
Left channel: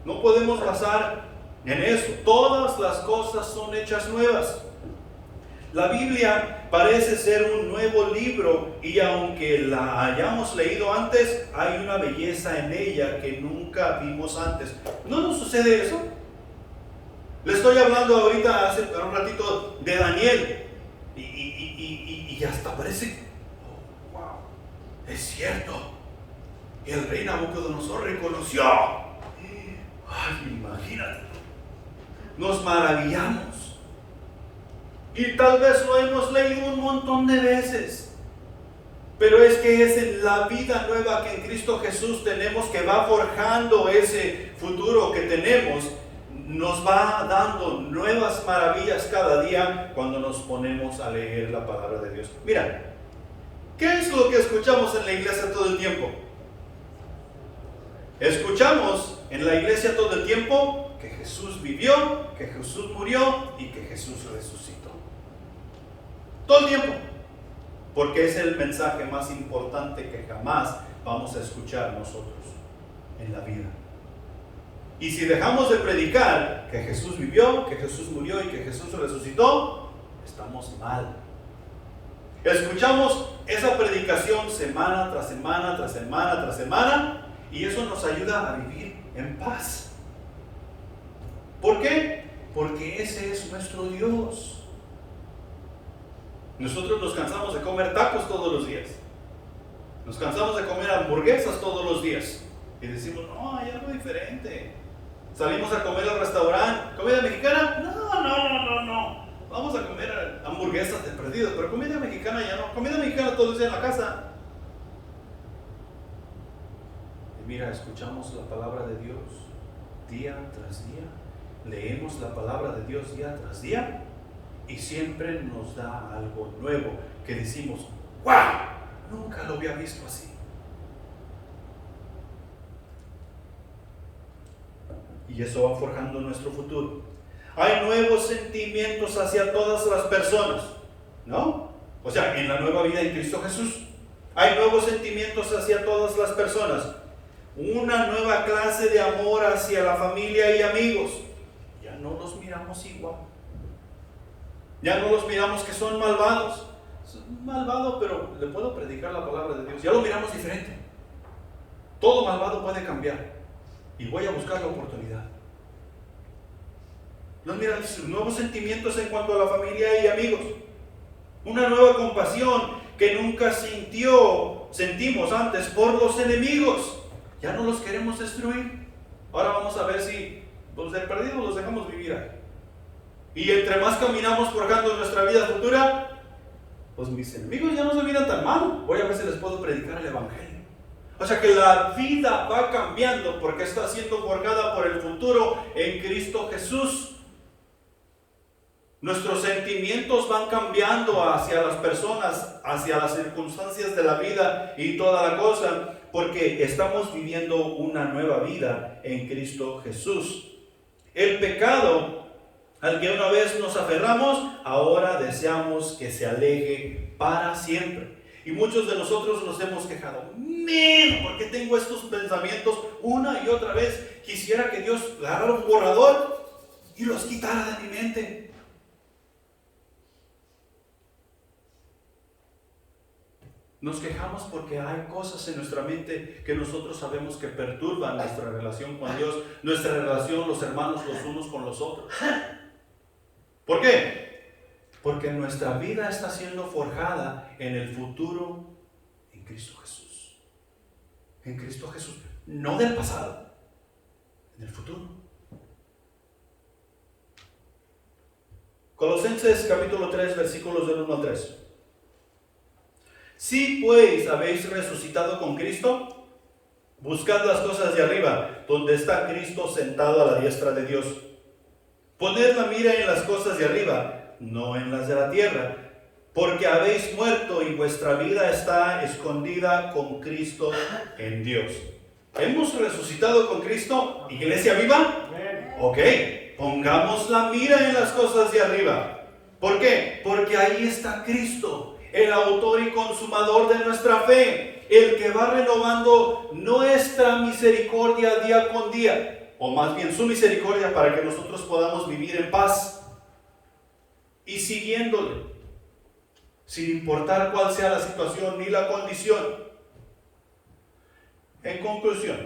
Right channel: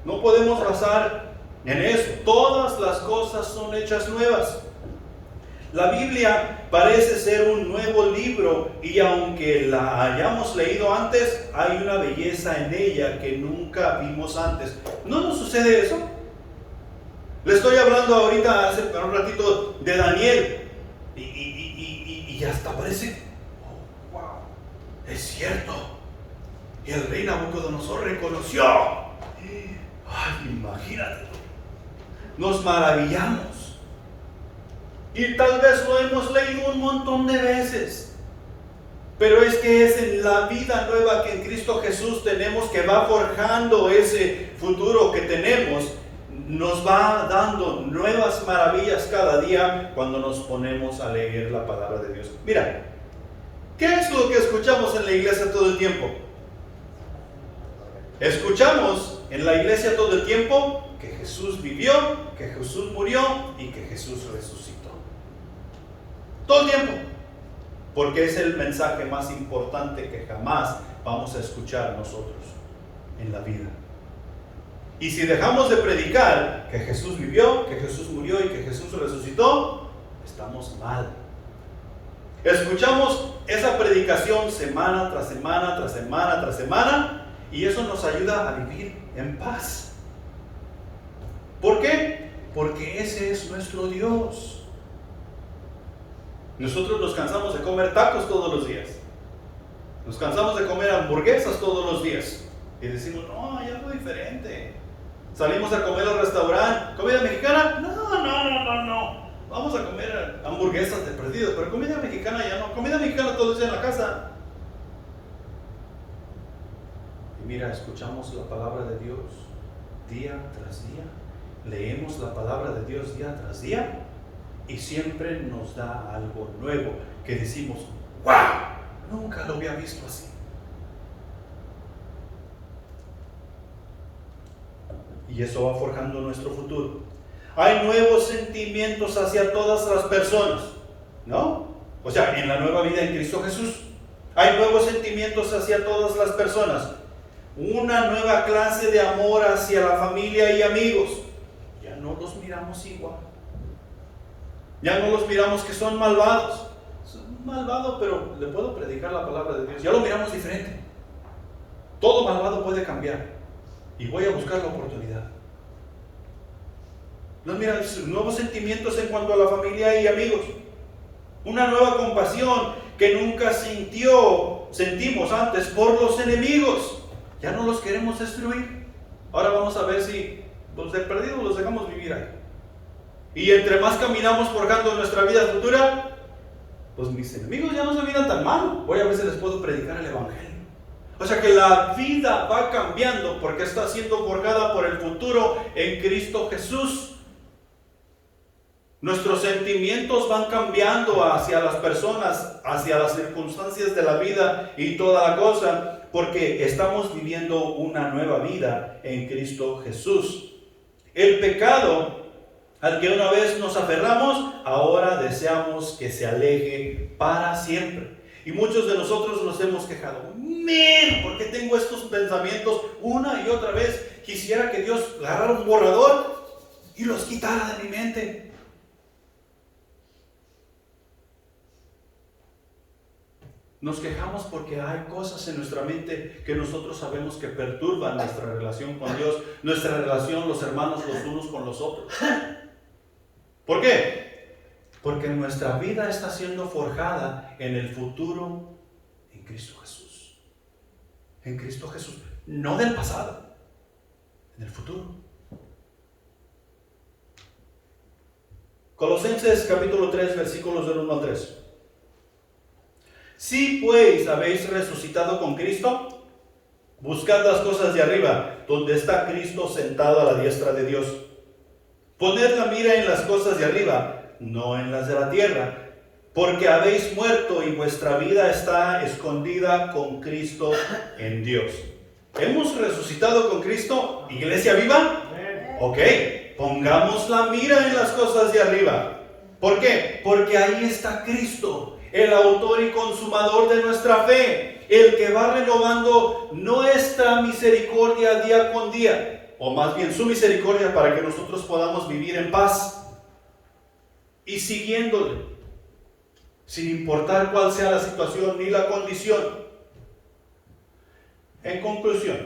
No podemos basar en eso. Todas las cosas son hechas nuevas. La Biblia parece ser un nuevo libro y aunque la hayamos leído antes, hay una belleza en ella que nunca vimos antes. ¿No nos sucede eso? Le estoy hablando ahorita hace un ratito de Daniel y hasta parece, oh, wow, es cierto. Y el rey Nabucodonosor reconoció. Ay, imagínate tú. Nos maravillamos. Y tal vez lo hemos leído un montón de veces. Pero es que es en la vida nueva que en Cristo Jesús tenemos, que va forjando ese futuro que tenemos. Nos va dando nuevas maravillas cada día cuando nos ponemos a leer la palabra de Dios. Mira, ¿qué es lo que escuchamos en la iglesia todo el tiempo? Escuchamos en la iglesia todo el tiempo que Jesús vivió, que Jesús murió y que Jesús resucitó. Todo el tiempo. Porque es el mensaje más importante que jamás vamos a escuchar nosotros en la vida. Y si dejamos de predicar que Jesús vivió, que Jesús murió y que Jesús resucitó, estamos mal. Escuchamos esa predicación semana tras semana, tras semana, tras semana, y eso nos ayuda a vivir en paz. ¿Por qué? Porque ese es nuestro Dios. Nosotros nos cansamos de comer tacos todos los días. Nos cansamos de comer hamburguesas todos los días. Y decimos, no, hay algo diferente. Salimos a comer al restaurante. ¿Comida mexicana? No. Vamos a comer hamburguesas de perdidos, pero comida mexicana ya no. Comida mexicana todo el día en la casa. Y mira, escuchamos la palabra de Dios día tras día. Leemos la palabra de Dios día tras día. Y siempre nos da algo nuevo que decimos, ¡wow! Nunca lo había visto así. Y eso va forjando nuestro futuro. Hay nuevos sentimientos hacia todas las personas, ¿no? O sea, en la nueva vida en Cristo Jesús. Hay nuevos sentimientos hacia todas las personas. Una nueva clase de amor hacia la familia y amigos. Ya no los miramos igual. Ya no los miramos que son malvados. Es malvado, pero le puedo predicar la palabra de Dios. Ya lo miramos diferente. Todo malvado puede cambiar. Y voy a buscar la oportunidad. No, mira, nuevos sentimientos en cuanto a la familia y amigos. Una nueva compasión que nunca sentimos antes por los enemigos. Ya no los queremos destruir. Ahora vamos a ver si los de perdidos los dejamos vivir ahí. Y entre más caminamos forjando nuestra vida futura, pues mis enemigos ya no se miran tan mal. Voy a ver si les puedo predicar el evangelio. O sea que la vida va cambiando porque está siendo forjada por el futuro en Cristo Jesús. Nuestros sentimientos van cambiando hacia las personas, hacia las circunstancias de la vida y toda la cosa, porque estamos viviendo una nueva vida en Cristo Jesús. El pecado al que una vez nos aferramos, ahora deseamos que se aleje para siempre. Y muchos de nosotros nos hemos quejado. ¿Por qué tengo estos pensamientos una y otra vez? Quisiera que Dios agarrara un borrador y los quitara de mi mente. Nos quejamos porque hay cosas en nuestra mente que nosotros sabemos que perturban nuestra relación con Dios, nuestra relación, los hermanos, los unos con los otros. ¿Por qué? Porque nuestra vida está siendo forjada en el futuro en Cristo Jesús. En Cristo Jesús. No del pasado, en el futuro. Colosenses capítulo 3, versículos del 1 al 3. Si pues habéis resucitado con Cristo, buscad las cosas de arriba, donde está Cristo sentado a la diestra de Dios. Poned la mira en las cosas de arriba, no en las de la tierra, porque habéis muerto y vuestra vida está escondida con Cristo en Dios. ¿Hemos resucitado con Cristo? ¿Iglesia viva? Ok, pongamos la mira en las cosas de arriba. ¿Por qué? Porque ahí está Cristo, el autor y consumador de nuestra fe, el que va renovando nuestra misericordia día con día, o más bien su misericordia, para que nosotros podamos vivir en paz y siguiéndole, sin importar cuál sea la situación ni la condición. En conclusión,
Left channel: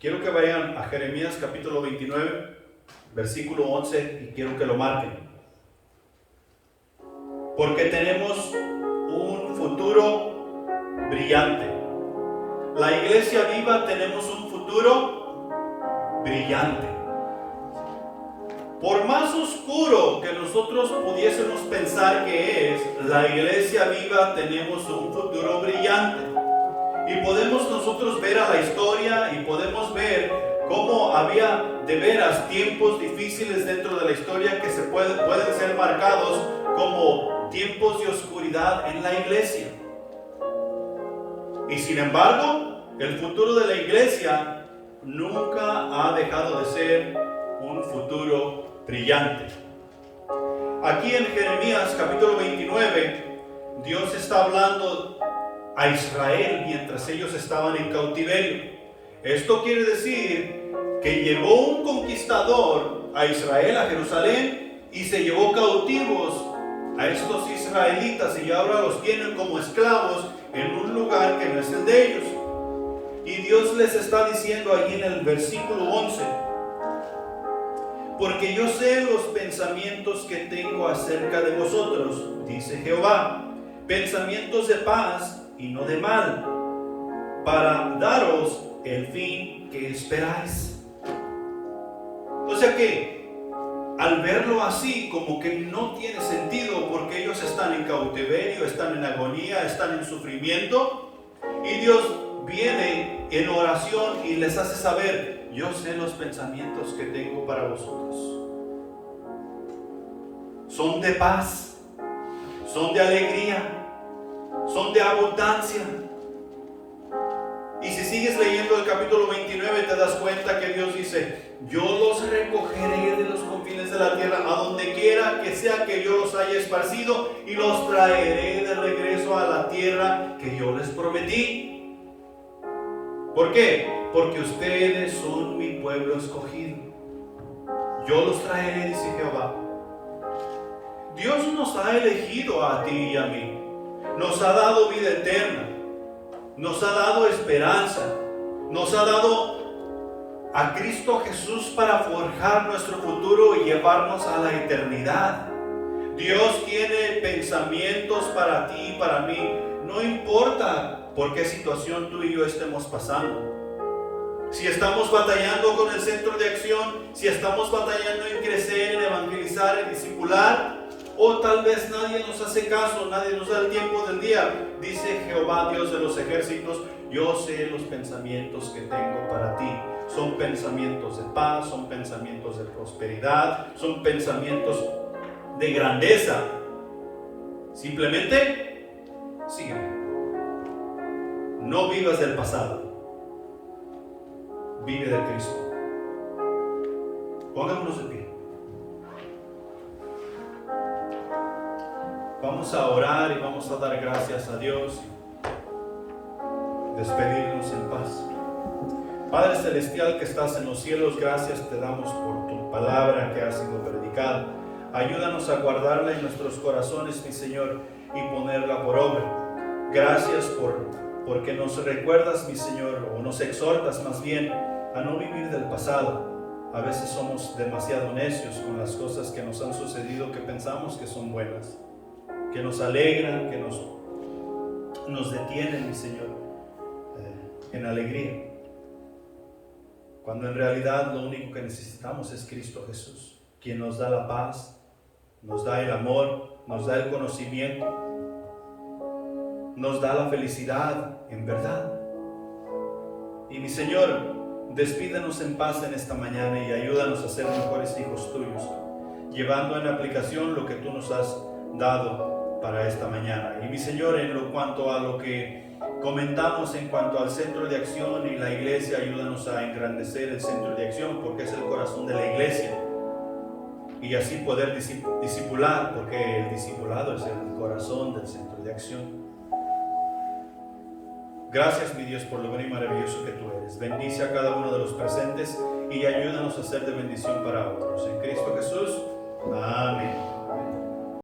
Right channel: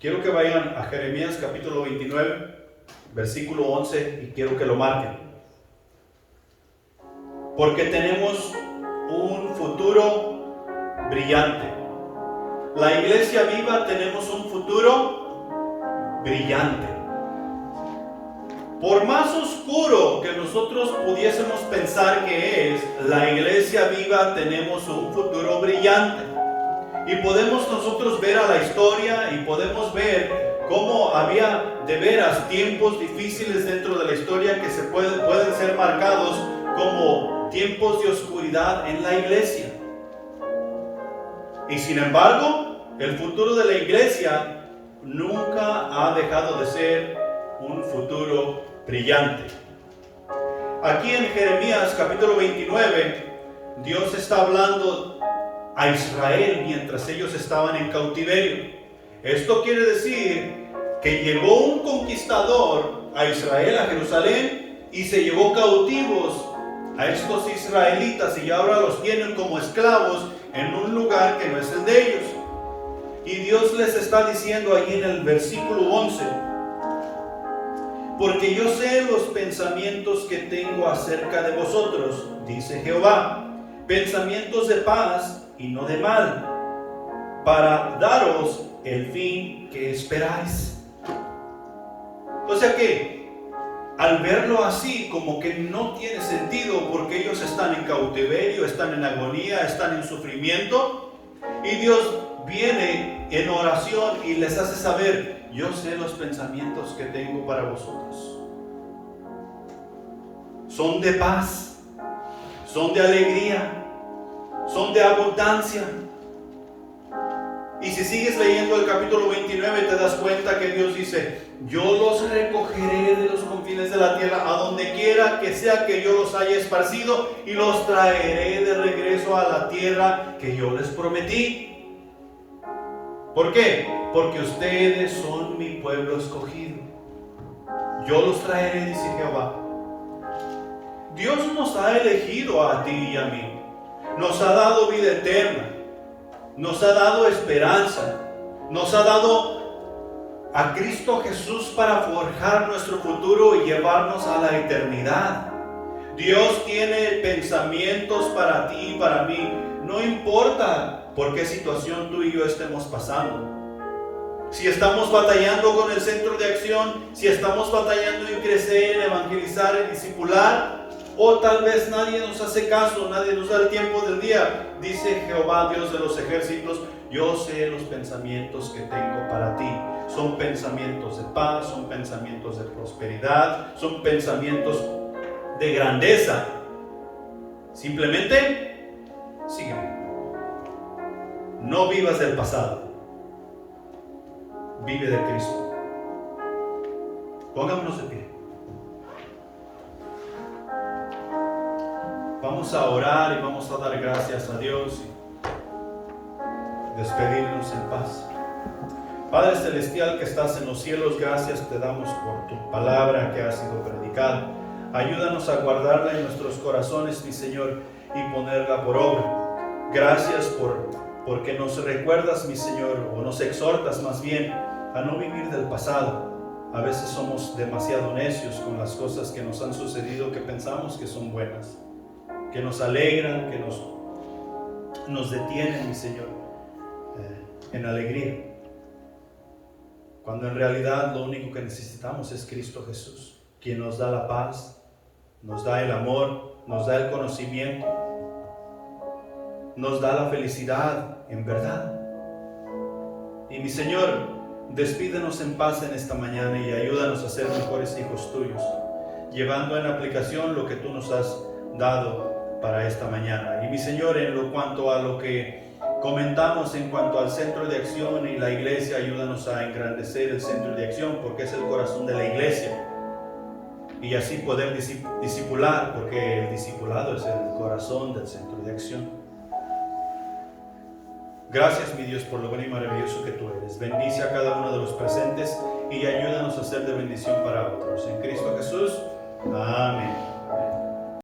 quiero que vayan a Jeremías capítulo 29, versículo 11, y quiero que lo marquen. Porque tenemos un futuro brillante. La iglesia viva tenemos un futuro brillante. Por más oscuro que nosotros pudiésemos pensar que es, la iglesia viva tenemos un futuro brillante. Y podemos nosotros ver a la historia y podemos ver cómo había de veras tiempos difíciles dentro de la historia que pueden ser marcados como tiempos de oscuridad en la iglesia. Y sin embargo, el futuro de la iglesia nunca ha dejado de ser un futuro brillante. Aquí en Jeremías capítulo 29, Dios está hablando a Israel mientras ellos estaban en cautiverio. Esto quiere decir que llegó un conquistador a Israel, a Jerusalén, y se llevó cautivos a estos israelitas y ahora los tienen como esclavos en un lugar que no es el de ellos. Y Dios les está diciendo ahí en el versículo 11: porque yo sé los pensamientos que tengo acerca de vosotros, dice Jehová, pensamientos de paz y no de mal, para daros el fin que esperáis. O sea que al verlo así, como que no tiene sentido, porque ellos están en cautiverio, están en agonía, están en sufrimiento, y Dios viene en oración y les hace saber: yo sé los pensamientos que tengo para vosotros. Son de paz, son de alegría, son de abundancia. Y si sigues leyendo el capítulo 29 te das cuenta que Dios dice: yo los recogeré de los confines de la tierra, a donde quiera que sea que yo los haya esparcido, y los traeré de regreso a la tierra que yo les prometí. ¿Por qué? Porque ustedes son mi pueblo escogido. Yo los traeré, dice Jehová. Dios nos ha elegido a ti y a mí. Nos ha dado vida eterna. Nos ha dado esperanza. Nos ha dado a Cristo Jesús para forjar nuestro futuro y llevarnos a la eternidad. Dios tiene pensamientos para ti y para mí. No importa por qué situación tú y yo estemos pasando. Si estamos batallando con el centro de acción, si estamos batallando en crecer, en evangelizar, en discipular, o tal vez nadie nos hace caso, nadie nos da el tiempo del día, dice Jehová, Dios de los ejércitos: yo sé los pensamientos que tengo para ti. Son pensamientos de paz, son pensamientos de prosperidad, son pensamientos de grandeza. Simplemente sígueme. No vivas del pasado, vive de Cristo. Pongámonos de pie. Vamos a orar y vamos a dar gracias a Dios y despedirnos en paz. Padre Celestial que estás en los cielos, gracias te damos por tu palabra que ha sido predicada. Ayúdanos a guardarla en nuestros corazones, mi Señor, y ponerla por obra. Gracias porque nos recuerdas, mi Señor, o nos exhortas más bien a no vivir del pasado. A veces somos demasiado necios con las cosas que nos han sucedido, que pensamos que son buenas, que nos alegran, que nos detienen, mi Señor, en alegría. Cuando en realidad lo único que necesitamos es Cristo Jesús, quien nos da la paz, nos da el amor, nos da el conocimiento, nos da la felicidad en verdad. Y mi Señor, Despídenos en paz en esta mañana y ayúdanos a ser mejores hijos tuyos, llevando en aplicación lo que tú nos has dado para esta mañana. Y mi Señor, en lo cuanto a lo que comentamos en cuanto al centro de acción y la iglesia, ayúdanos a engrandecer el centro de acción, porque es el corazón de la iglesia, y así poder discipular, porque el discipulado es el corazón del centro de acción. Gracias, mi Dios, por lo bueno y maravilloso que tú eres. Bendice a cada uno de los presentes y ayúdanos a ser de bendición para otros. En Cristo Jesús. Amén.